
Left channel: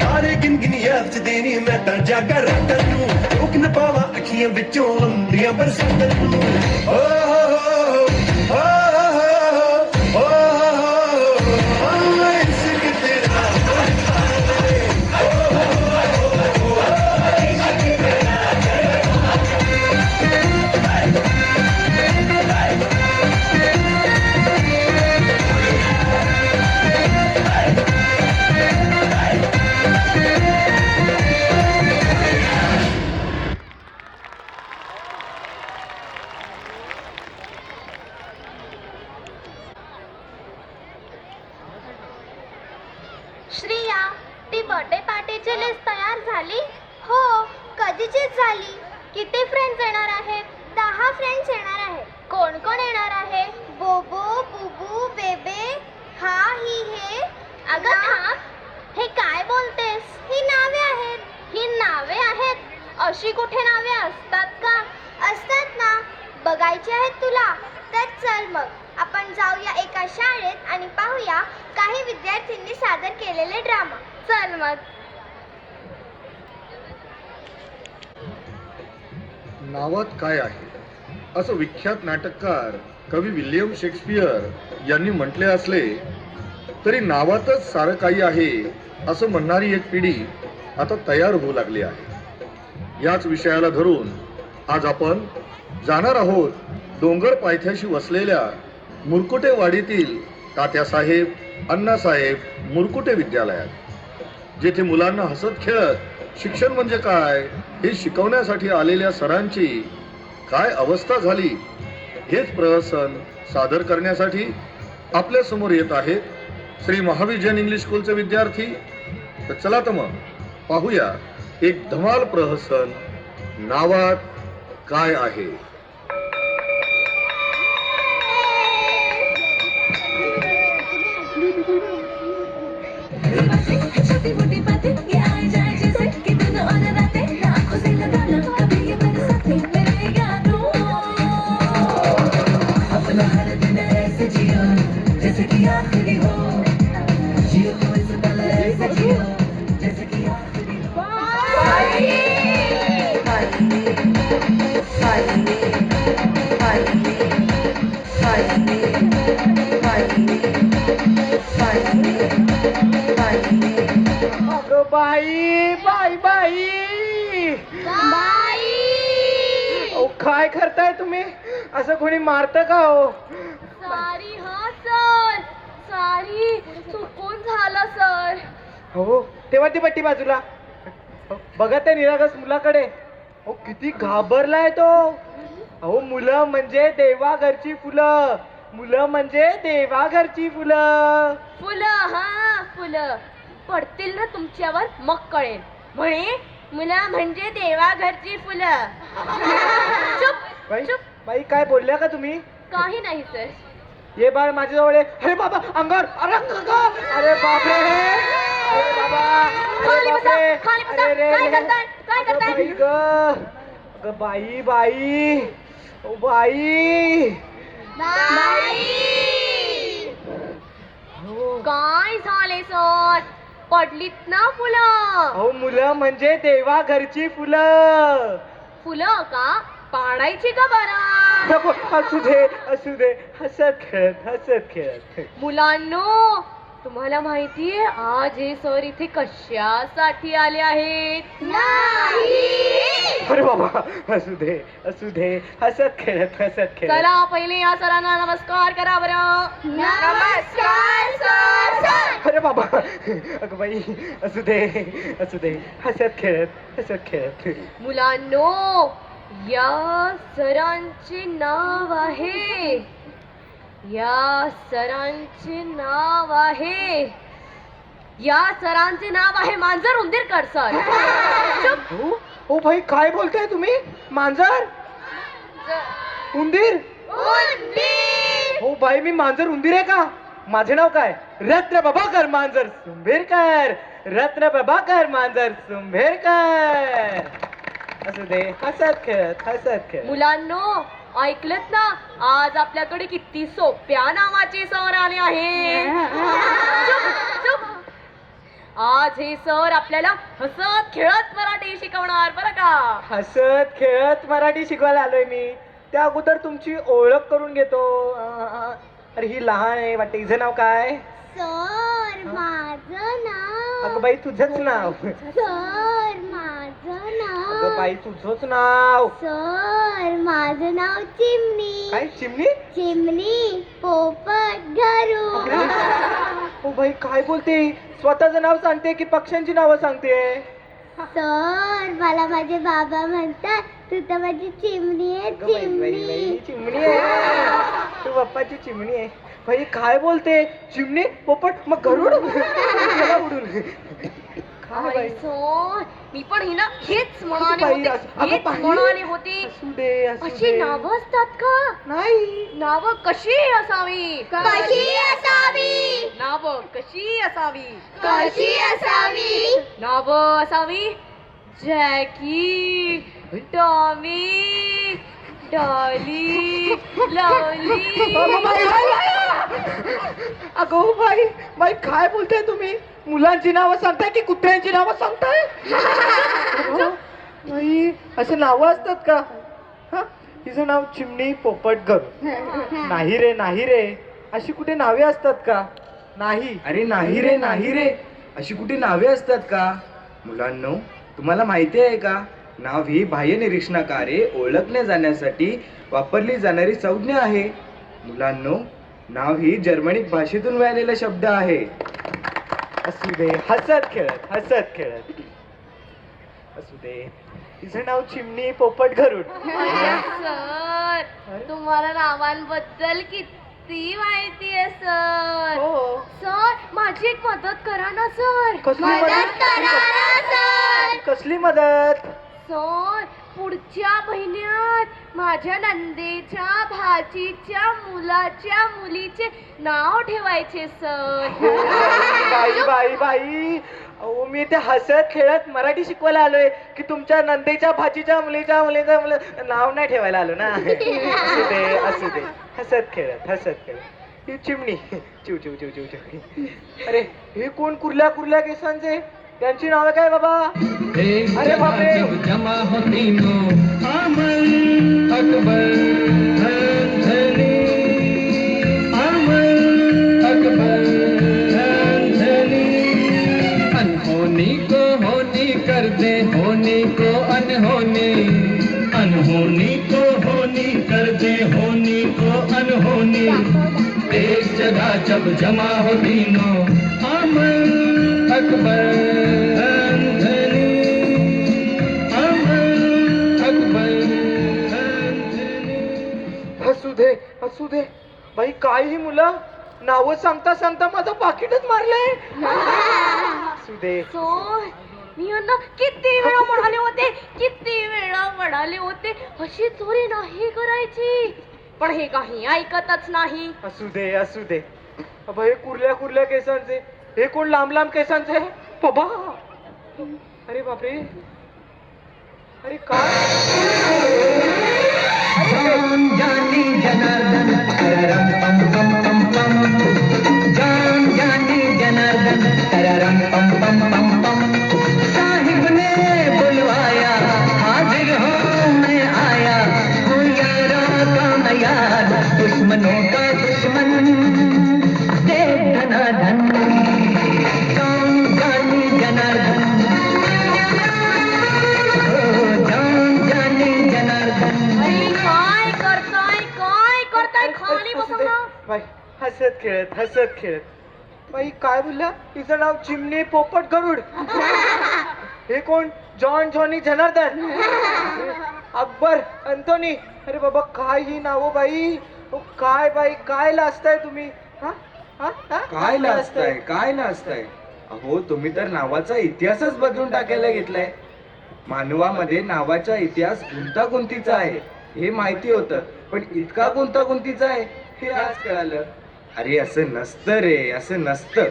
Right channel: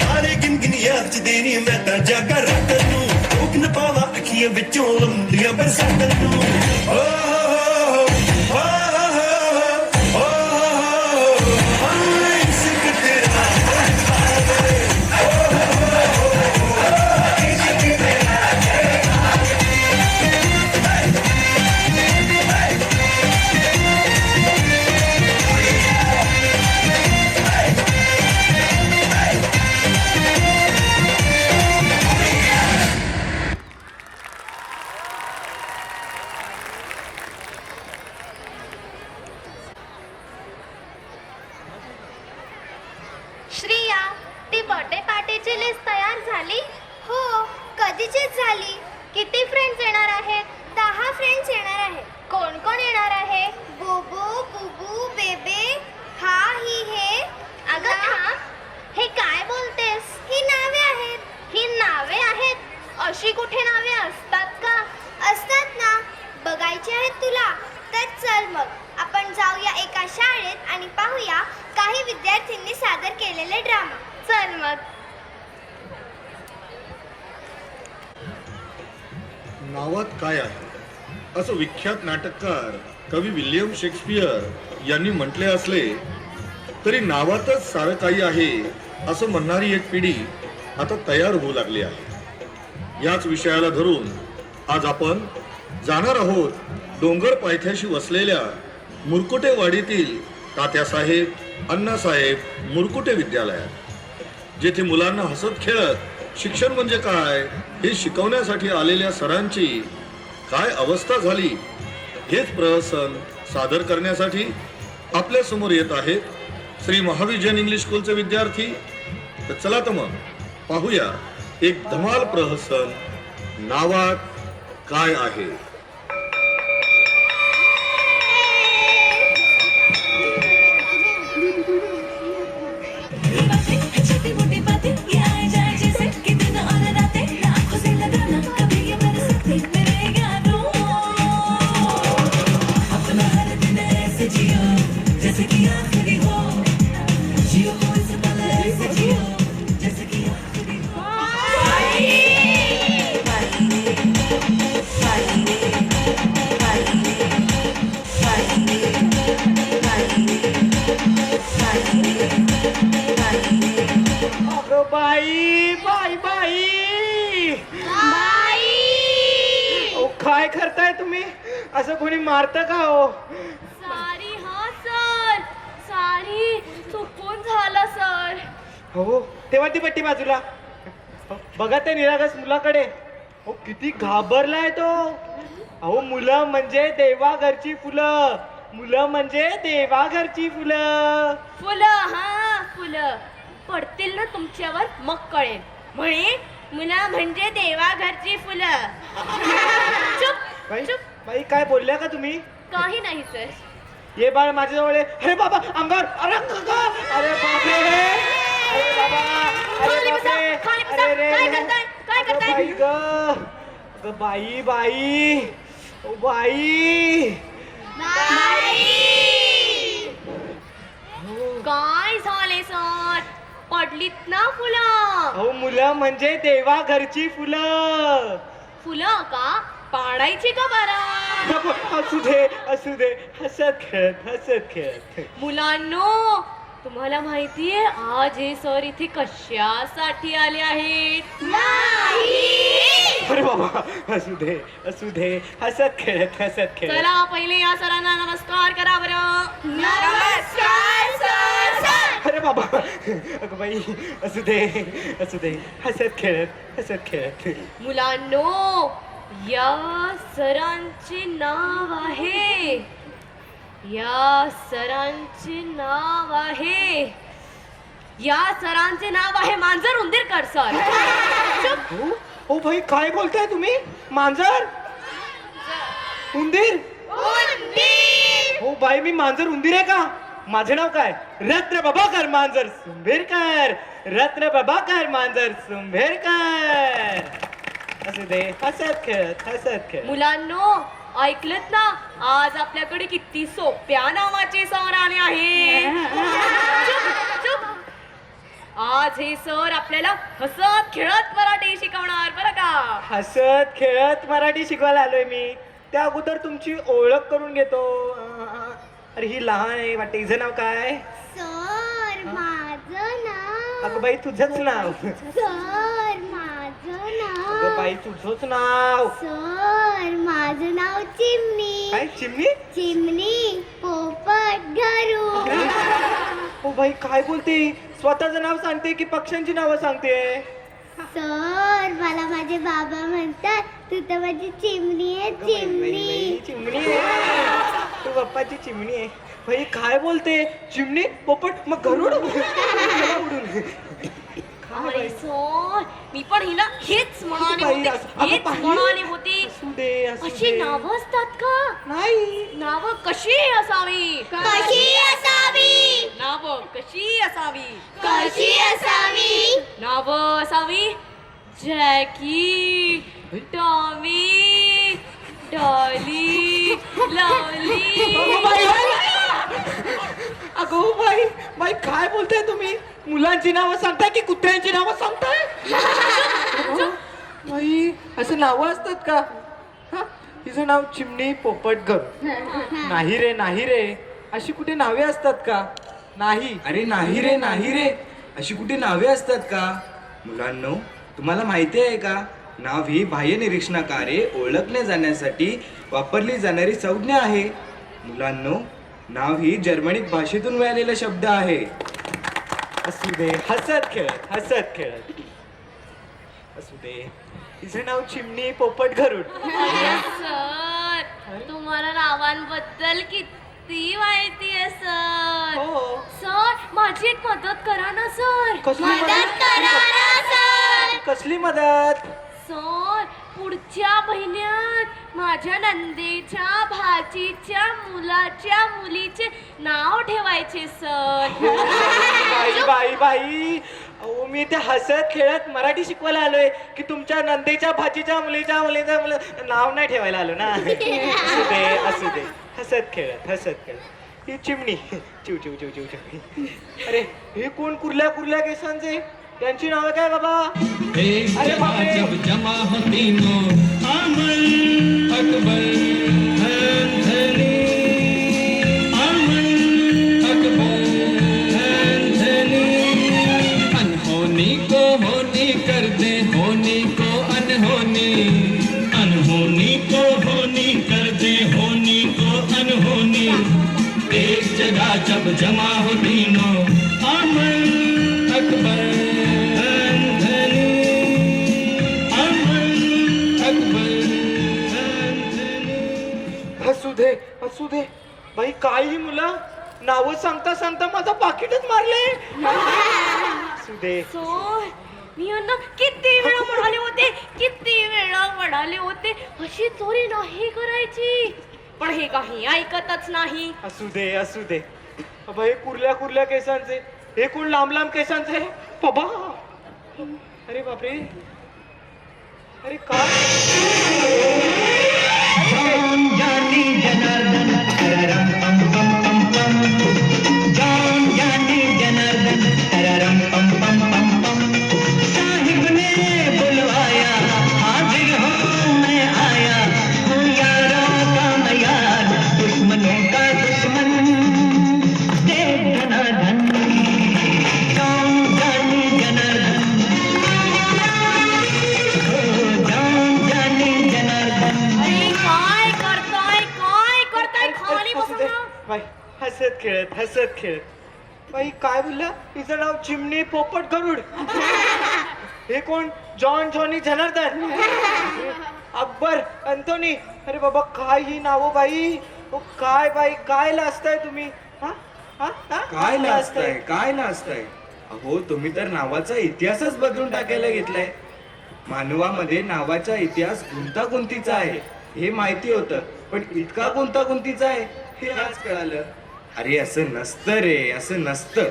ਤਾਰੇ ਗਿਣ ਗਿਣ ਯਾਦ ਚ ਦੇਣੀ ਮੈਂ ਤਾਂ ਜਾਗਾ ਰਾਤਾਂ ਨੂੰ ਰੋਕ ਨਾ ਪਾਵਾਂ ਅੱਖੀਆਂ ਵਿੱਚੋਂ ਲੰਦੀਆਂ ਬਰਸਾਤਾਂ ਨੂੰ ਓ ਹੋ ਇਸ਼ਕ ਤੇਰਾ किती फ्रेंड्स येणार आहेत? 10 फ्रेंड्स येणार आहेत. कोण कोण येणार आहे? बोबो, बुबू, बेबे, हा, ही, हे. अगं थांब, हे काय बोलतेस? ही नावे आहेत. ही नावे आहेत? अशी कुठे नावे असतात का? असतात ना. बघायची आहेत तुला? तर चल मग आपण जाऊया एका शाळेत आणि पाहूया काही विद्यार्थ्यांनी सादर केलेले ड्रामा. चल मग. नावात काय आहे असं विख्यात नाटककार कवी विल्यम शेक्सपियर यांनी म्हटले असले तरी नावातच सारं काही आहे असं म्हणणारी एक पिढी आता तयार होऊ लागली आहे. याच विषयाला धरून आज आपण जाणार आहोत डोंगर पायथ्याशी वसलेल्या मुरकुटेवाडीतील तात्यासाहेब अण्णासाहेब मुरकुटे विद्यालयात, जेथे मुलांना हसत खेळत शिक्षण म्हणजे काय हे शिकवण्यासाठी आलेल्या सरांची काय अवस्था झाली हेच प्रहसन सादर करण्यासाठी आपल्या समोर येत आहेत श्री महाविजन इंग्लिश स्कूलचे विद्यार्थी. तर चला तर मग पाहूया एक धमाल प्रहसन, नावात काय आहे. छोटी मोटी बातें ये आए जाए जैसे कि दिन और रातें आंखों से लगाना कभी ये बन सकते मेरे यारों. अपना हर दिन ऐसे जियो जैसे कि आखिरी हो. जियो इस पल ऐसे जियो जैसे कि आखिरी हो. बाई बाई बाई अहो, काय करताय तुम्ही? असं कोणी मारतं का हो? सॉरी हा सर, सॉरी, चुकून झालं सर. हो तेव्हा ती पट्टी बाजूला. बघा त्या निरागस मुलाकडे. हो किती घाबरलाय तो. अहो मुलं म्हणजे देवाघरची फुलं, मुलं म्हणजे देवाघरची फुलं. फुलं, हा फुलं पडतील ना तुमच्यावर मग कळेल. म्हणे मुलं म्हणजे देवाघरची फुलं. चुप बाई चुप. बाई काय बोलल्या का तुम्ही? काही नाही सर. ये बाळ माझ्याजवळ आहे. अरे बाबा अंगावर. अरे अरे बापरे. अरे बाबा. अरे बापरे. अरे रे. काय करताय? काय अगं करताय? बाई ग. अगं बाई बाई. O by. काय झाले सर? पडलीत ना फुलं. अहो मुलं म्हणजे देवाघरची फुलं. फुलं का? पाडायची का बरं? नको, असू दे हसत खेळत. मुलांनो, तुम्हाला माहितीये आज हे सर इथे कशासाठी आले आहेत? अरे बाबा असू दे हसत खेळत. चला पहिले या सरांना नमस्कार करा बरं. नमस्कार सर. अरे बाबा अगं बाई असू दे हसत खेळत. मुलांनो, या सरांचे नाव आहे, या सरांचे नाव आहे मांजर उंदीरकर सर. चुप. ओ भाई काय बोलताय तुम्ही? मांजर उंदीर? हो बाई मी मांजर उंदीर आहे का? माझे नाव काय? रत्न प्रभाकर मांजर सुंभेरकर. रत्न प्रभाकर मांजर सुंभेरकर. असू दे हसत खेळत. मुलांनो, ऐकलत ना, आज आपल्याकडे किती सोप्या नावाचे सर आले आहे. चुप. आज हे सर आपल्याला हसत खेळत मराठी शिकवणार बरं का. हसत खेळत मराठी शिकवायला आलोय मी. त्या अगोदर तुमची ओळख करून घेतो. अरे ही लहान आहे वाटते. हिचं नाव काय? सर माझं नाव. अगं बाई तुझंच नाव. सर माझं नाव. अगं बाई तुझंच नाव. सर माझं नाव चिमणी. काय चिमणी? चिमणी पोपट घरू. ओ बाई काय बोलते? स्वतःचं नाव सांगते की पक्ष्यांची नावं सांगते? सर मला माझे बाबा म्हणतात तू तर माझी चिमणी आहे. चिमणी आहे. तू बाप्पाची चिमणी आहे. बाई काय बोलते? चिमणी पोपट मग गरुड. उडून अरे सर मी पण हिला हेच म्हणाली होती अशी नावं असतात का नाही नावं कशी असावी नावं कशी असावी नावं असावी जॅकी टॉमी डॉली लवली अगो बाई काय बोलताय तुम्ही मुलांची नावं सांगताय की कुत्र्यांची नावं सांगताय बाई असे नावं असतात का हा तिचं नाव चिमणी पोपट घर नाही रे अशी कुठे नावे असतात का नाही अरे नाही रे अशी कुठे नावे असतात का? मुलांनो तुम्हाला माहिती आहे का नाव ही बाह्य निरीक्षणाद्वारे ओळखल्या जाण्यासाठी वापरली जाणारी संज्ञा आहे. मुलांनो नाव ही जर्मनिक भाषेतून मिळालेला शब्द आहे. असू दे हसत खेळत असू दे तिचं नाव चिमणी पोपट गरुड सर तुम्हाला नावांबद्दल किती माहिती आहे सर हो सर माझी एक मदत करा ना सर कसली मदत सर पुढच्या महिन्यात माझ्या नंदेच्या भाचीच्या मुलाच्या मुलीचे नाव ठेवायचे सर बाई अहो मी ते हसत खेळत मराठी शिकवायला आलोय की तुमच्या नंदेच्या भाचीच्या मुलीच्या नाव नाही ठेवायला आलो ना. असू दे हसत खेळत ही चिमणी चिव चिव चिव चिव चिव. अरे हे कोण कुर्ल्या केसांचे त्यांची नाव काय बाबा? अरे बापरे जमा होती नो अमल अकबर अनहोनी को होनी कर दे होनी को अनहोनी अनहोनी को होनी कर दे होनी को अनहोनी एक जगह जब जमा होती नो अमल अकबर असू दे बाई काय ही मुलं नाव सांगता माझं पाकिटच मारलंय. असू दे सर मी यांना किती वेळा म्हणाले होते अशी चोरी नाही करायची पण हे काही ऐकतच नाही. असू दे बाबा हे कुर्ल्या केसांचे हे कोण लांब केसांचे बाबा. अरे बापरे अरे काय जानी जनार्दन तररम पम पम पम पम जानी जनार्दन तररम पम पम पम पम साहिब ने बुलवाया हाजिर हूँ मैं आया हूँ यारों का यार दुश्मनों का दुश्मन दे धनाधन जानी जनार्दन जानी जनार्दन खाली बसा बाई हसत खेळत बाई काय बोलला तिचं नाव चिमणी पोपट गरुड. हे कोण जॉनी जनार्दन अकबर अंथोनी. अरे बाबा काय ही नाव बाई काय लाजताय तुम्ही काय लाजताय अहो तुम्ही तर नावाचा इतिहासच बदलून टाकायला घेतलाय. मानवामध्ये नावाचा इतिहास गुंतागुंतीचा आहे हे माहिती होतं पण इतका गुंतागुंतीचा आहे हे आज कळालं. अरे असं नसतं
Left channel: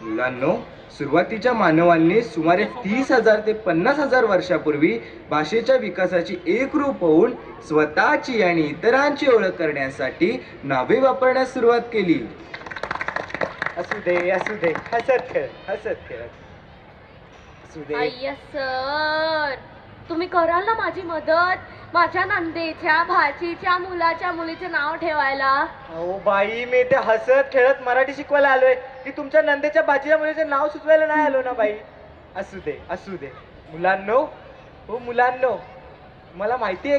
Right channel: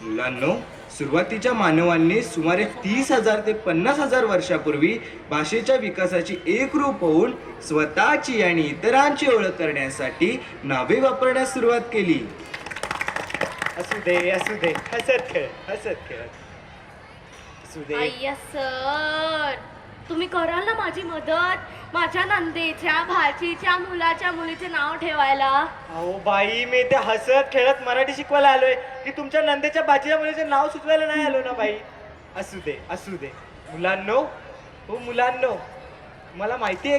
मुलांनो. सुरुवातीच्या मानवांनी सुमारे 30,000 ते 50,000 वर्षापूर्वी भाषेच्या विकासाची एकरूप होऊन स्वतःची आणि इतरांची ओळख करण्यासाठी नावे वापरण्यास सुरुवात केली. असू दे हसत खेळत असू दे. अय्या सर तुम्ही कराल ना माझी मदत माझ्या नंदेच्या भाचीच्या मुलाच्या मुलीचे नाव ठेवायला. अहो बाई मी ते हसत खेळत मराठी शिकवायला आलोय की तुमच्या नंदेच्या भाचीच्या मुलीचं नाव सुचवायला नाही आलो ना बाई. असू दे मुलांनो तुम्हाला माहिती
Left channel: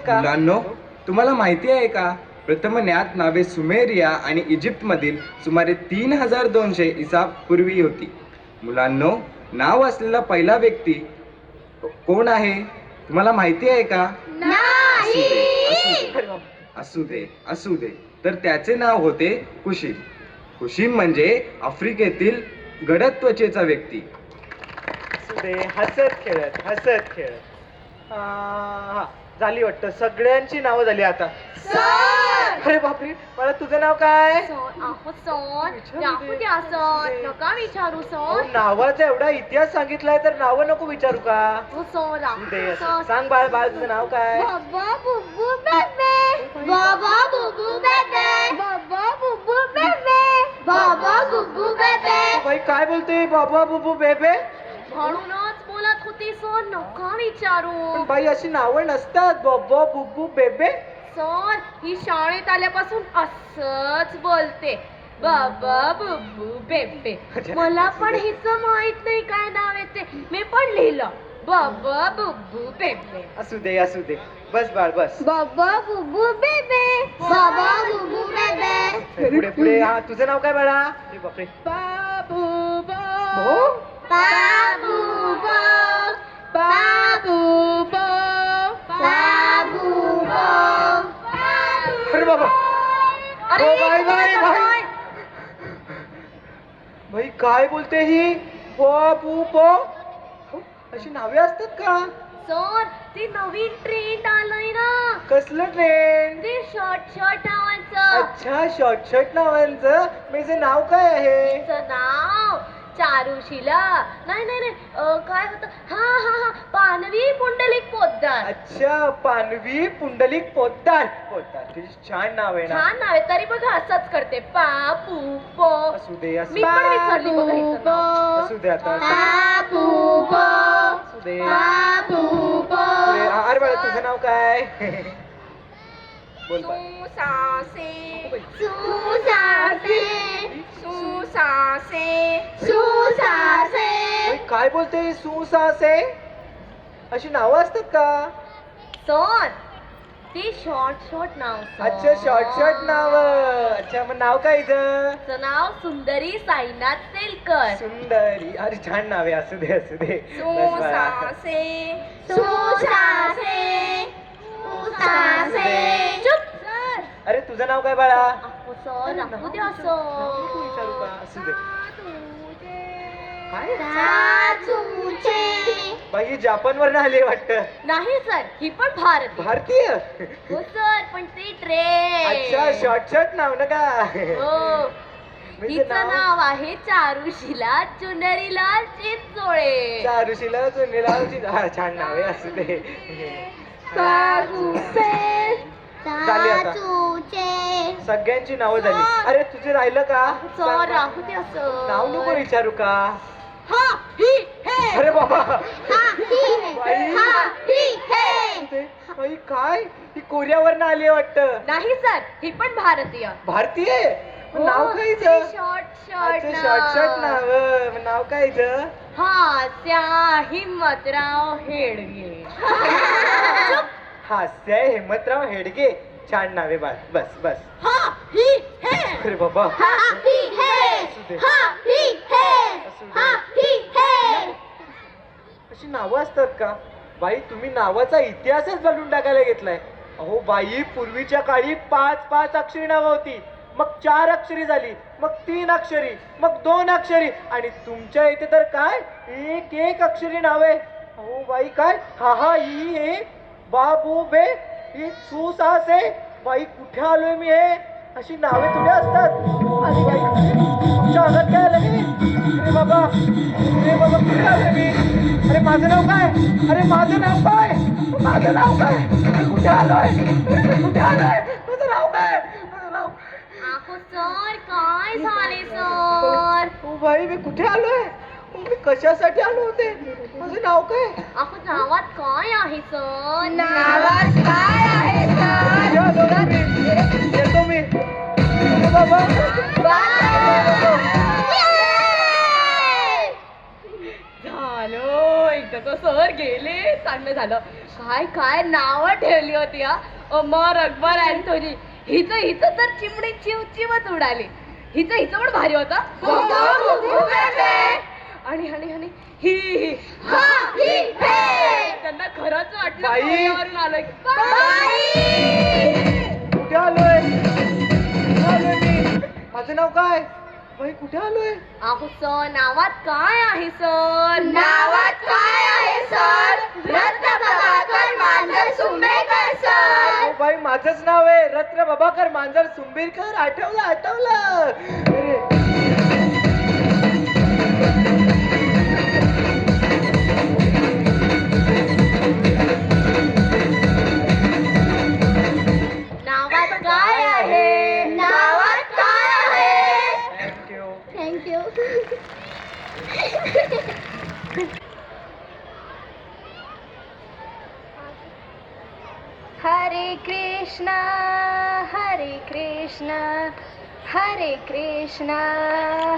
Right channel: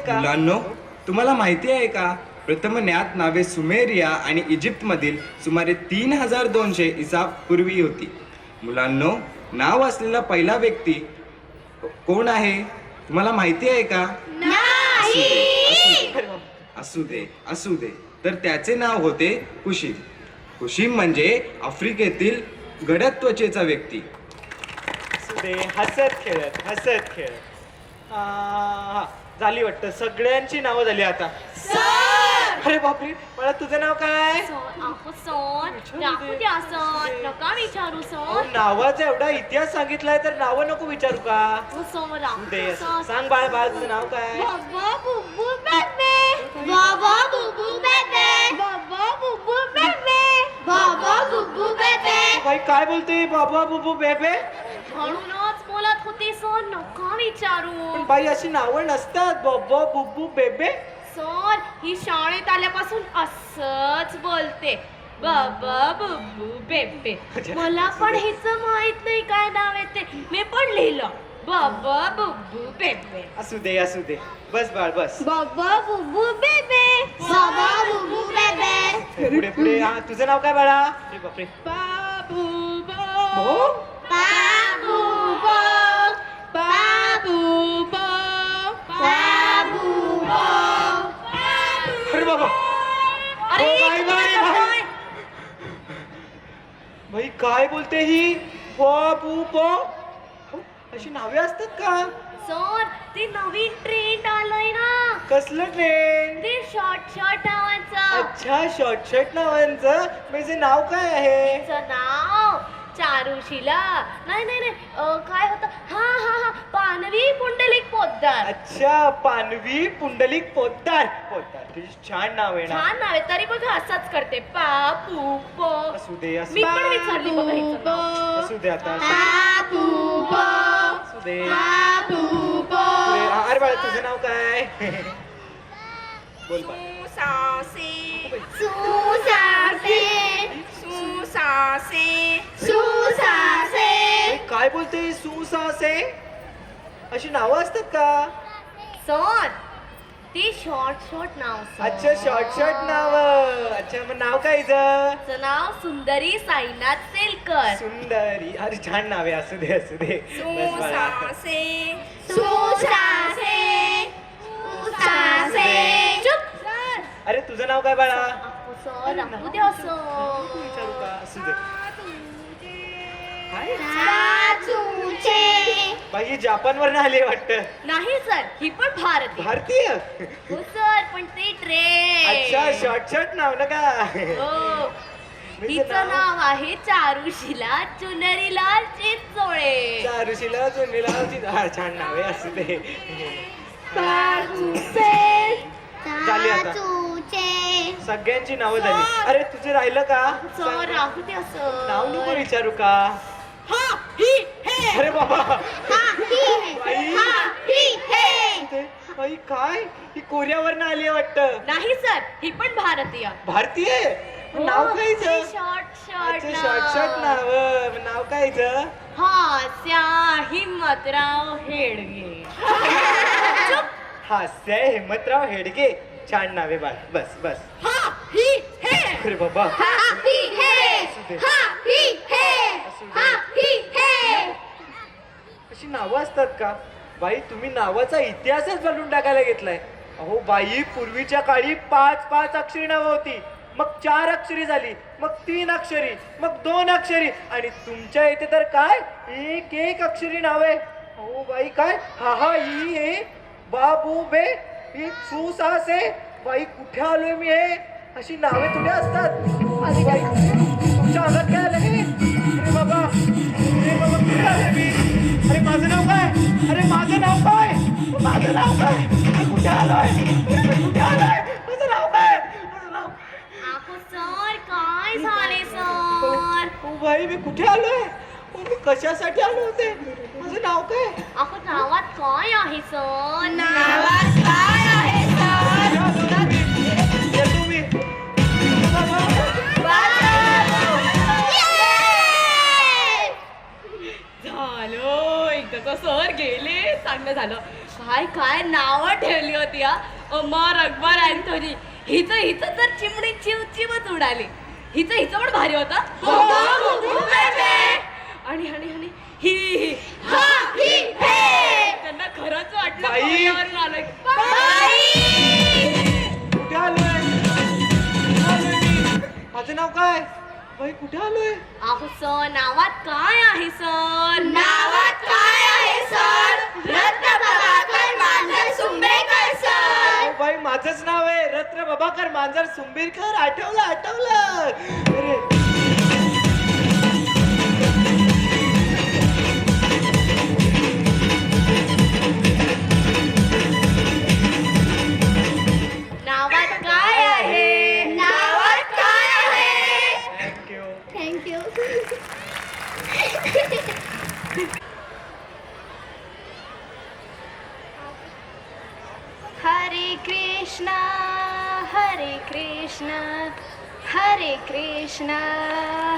आहे का प्रथम ज्ञात नावे सुमेरिया आणि इजिप्त मधील सुमारे 3200 ईसा पूर्वी होती. मुलांनो नाव असलेला पहिला व्यक्ती कोण आहे तुम्हाला माहिती आहे का? असू दे तर त्याचे नाव होते कुशीम म्हणजे आफ्रिकेतील गडद त्वचेचा व्यक्ती. दे, हसत खेळत हा झाली वाटतं, सगळ्यांची नावं झाली आता. अरे बापरे, मला तुझं नाव काय? नका विचारू अहो, नावाचा एवढा इतिहास सांगितलाय तर नावं नको विचारू का? दे, सांग बाळ, तुझं नाव काय? बाबा बुब्बू बेबे बाबा बुब्बू बेबे बाबा बुब्बू बेबे बाबा बुब्बू बेबे. बाई काय बोलते बाबा बुबू बेबे? म्हणूनच बोलत होती सर, नका विचारू. पण बाई अशी नावं नसतात, बाबा बुबू बेबे. सर, ही शाळेत आल्यापासून असंच बोलते, बाबा बुब्बू बेबे. मला पण हिचं माहित नाही काय नाव आहे ते, मी पण लिहिलं बाबा बुब्बू बेबे. असू दे, बस बाळ बस. बाबा बुब्बू बेबे बाबा बुब्बू बेबे. पुढे हा, तुझं नाव काय बाळा? अरे बापरे, बाबू हो? बाबू बाबू बाबू अरे बाबा, अरे हो, बाई. भाई काय बोलते ही? बाबू अशी नावे असतात का? सर, ती नवीन ट्रेंड आलंय ना, कसलं ट्रेंड? ते शॉर्ट नावाचं. अच्छा, शॉर्ट नावांचं. माझं नाव काय आहे? तिचं नाव चारुशिला नाही काय होतं, हा पानवी पुंडलिक पोद्दार. अच्छा, पानवी पुंडलिक पोद्दार. किती छान नाव आहे ना. छान नाव आहे, तरी बघा असंच करते, पापू पो. असू दे, मी पण विचारली बघा हिचं नाव. असू दे आता. बाबू असू दे. पुढे, अरे बाळा, तुझं नाव काय? बोल बाळ. काय बोलते? सुसासे. अशी नावं असतात का? सर, ती शॉर्ट नाव सर. अच्छा, शॉर्ट नाव. अच्छा, मग नाव काय हिचं? तिचं नाव सुंदरी साईनाथ सेलकर. सुंदरी. अरे छान नाव आहे. असू दे. बस बाळा. अरे तुझं नाव काय बाळा? सर, राहू द्या सर. विचारू का? असू दे. काय? बाई जपान वरनं आले वाटतं. नाही सर, ही पण भारतीय. हो सर, पण ती ट्रेन. अच्छा, शॉर्ट नाव ना का? हो. हिचं नाव आहे चारुशिला चुनरीलाल चिंचोळे. चारुशीला चुनीला. छान नाव आहे. असू दे. झाली आता. सगळ्यांची नावं झाली. अरे तुझे राहिलं का? सर, राहू द्या सर. नाव नको विचारू का? हा ही हे. अरे बाबा, हे. बाई काय? ही कोरियावरनं आली वाटतं. नाही सर, ही पण भारतीय. भारतीय. मग नाव काय हिचं? शॉर्ट शॉर्ट नाव. नाव काय हिचं? हास्या हिम्मतराव हेडगे. हास्य हिम्मतराव हेडगे. छान नाव आहे बाळ. बस. हा ही हे. अरे बाबा, अशी नावं असतात का? बाई, तुम्ही नावाचा इतिहासच बदलून टाकायला घेतलाय. अहो बाई, पूर्वीच्या काळी 5 अक्षरी नावं होती, मग 4 अक्षरी झाली, मग 3 अक्षरी, मग 2 अक्षरी, आणि तुमच्या इथे तर काय 1 अक्षरी नावे. अहो बाई, काय हा ही हे बाबू बे ही सुसासे. बाई, कुठे आलोय मी? हे अशी नावे तुझे असतात? अरे बाई, तुमच्या अंगात काय आलं रे? अरे बाबा, कुठे आलोय मी? अरे माझं नाव काय? कुठे आलोय? माझं नाव काय? सर, काय झाले सर? ओ बाई, मी कुठे आलोय? मी कशासाठी आलो होते? माझं नाव काय? नावात काय आहे सर? नावात काय आहे येतो मी. बाबा, झालं, एकदा सर गेले, चांगलं झालं. काय नावं ठेवली होती हा, अमर अकबर अँथोनी. हिचं तर चिमणी चिवचिवच उडाली. हिचं पण भारी होता. आणि ही त्यांना खरंच वाटलं कोरियावरून आलोय. कुठे आलोय? माझं नाव काय? बाई कुठे आलोय? अहो सर नावात काय आहे सर? नावात काय आहे सर? रत्न प्रभाकर मांजर सुंबेकर सर. अहो बाई माझंच नाव आहे रत्न प्रभाकर मांजर सुंबीरकर. आठवलं अरे नावात काय आहे? नावात काय आहे? थँक्यू. थँक्यू. हरे कृष्णा हरे कृष्णा हरे कृष्णा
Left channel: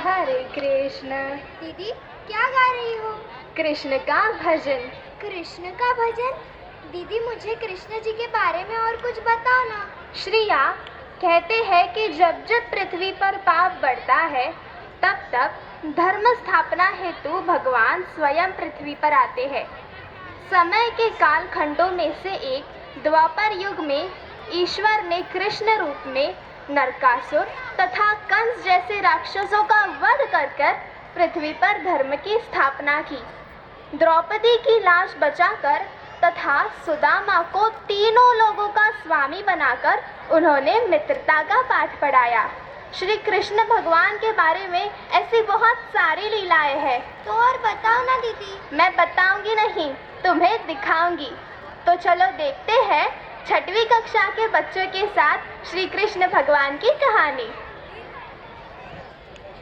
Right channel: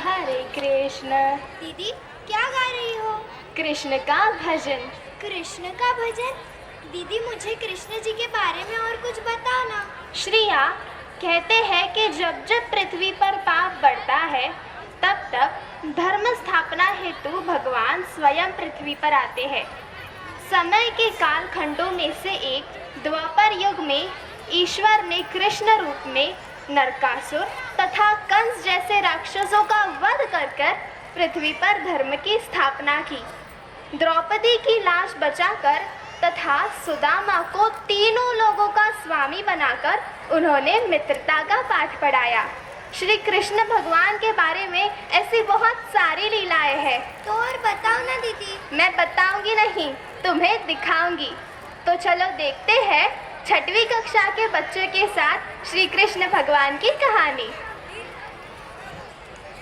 हरे कृष्णा. दीदी क्या गा रही हो? कृष्ण का भजन. कृष्ण का भजन? दीदी मुझे कृष्ण जी के बारे में और कुछ बताओ ना. श्रिया कहते हैं कि जब जब पृथ्वी पर पाप बढ़ता है तब तब धर्म स्थापना हेतु भगवान स्वयं पृथ्वी पर आते हैं. समय के कालखंडों में से एक द्वापर युग में ईश्वर ने कृष्ण रूप में नरकासुर तथा कंस जैसे राक्षसों का वध कर पृथ्वी पर धर्म की स्थापना की. द्रौपदी की लाश बचाकर तथा सुदामा को तीनों लोगों का स्वामी बनाकर उन्होंने मित्रता का पाठ पढ़ाया. श्री कृष्ण भगवान के बारे में ऐसी बहुत सारी लीलाएं हैं. तो और बताओ ना दीदी. मैं बताऊंगी नहीं, तुम्हें दिखाऊंगी. तो चलो देखते हैं 6वीं कक्षा के बच्चों के साथ श्री कृष्ण भगवान की कहानी.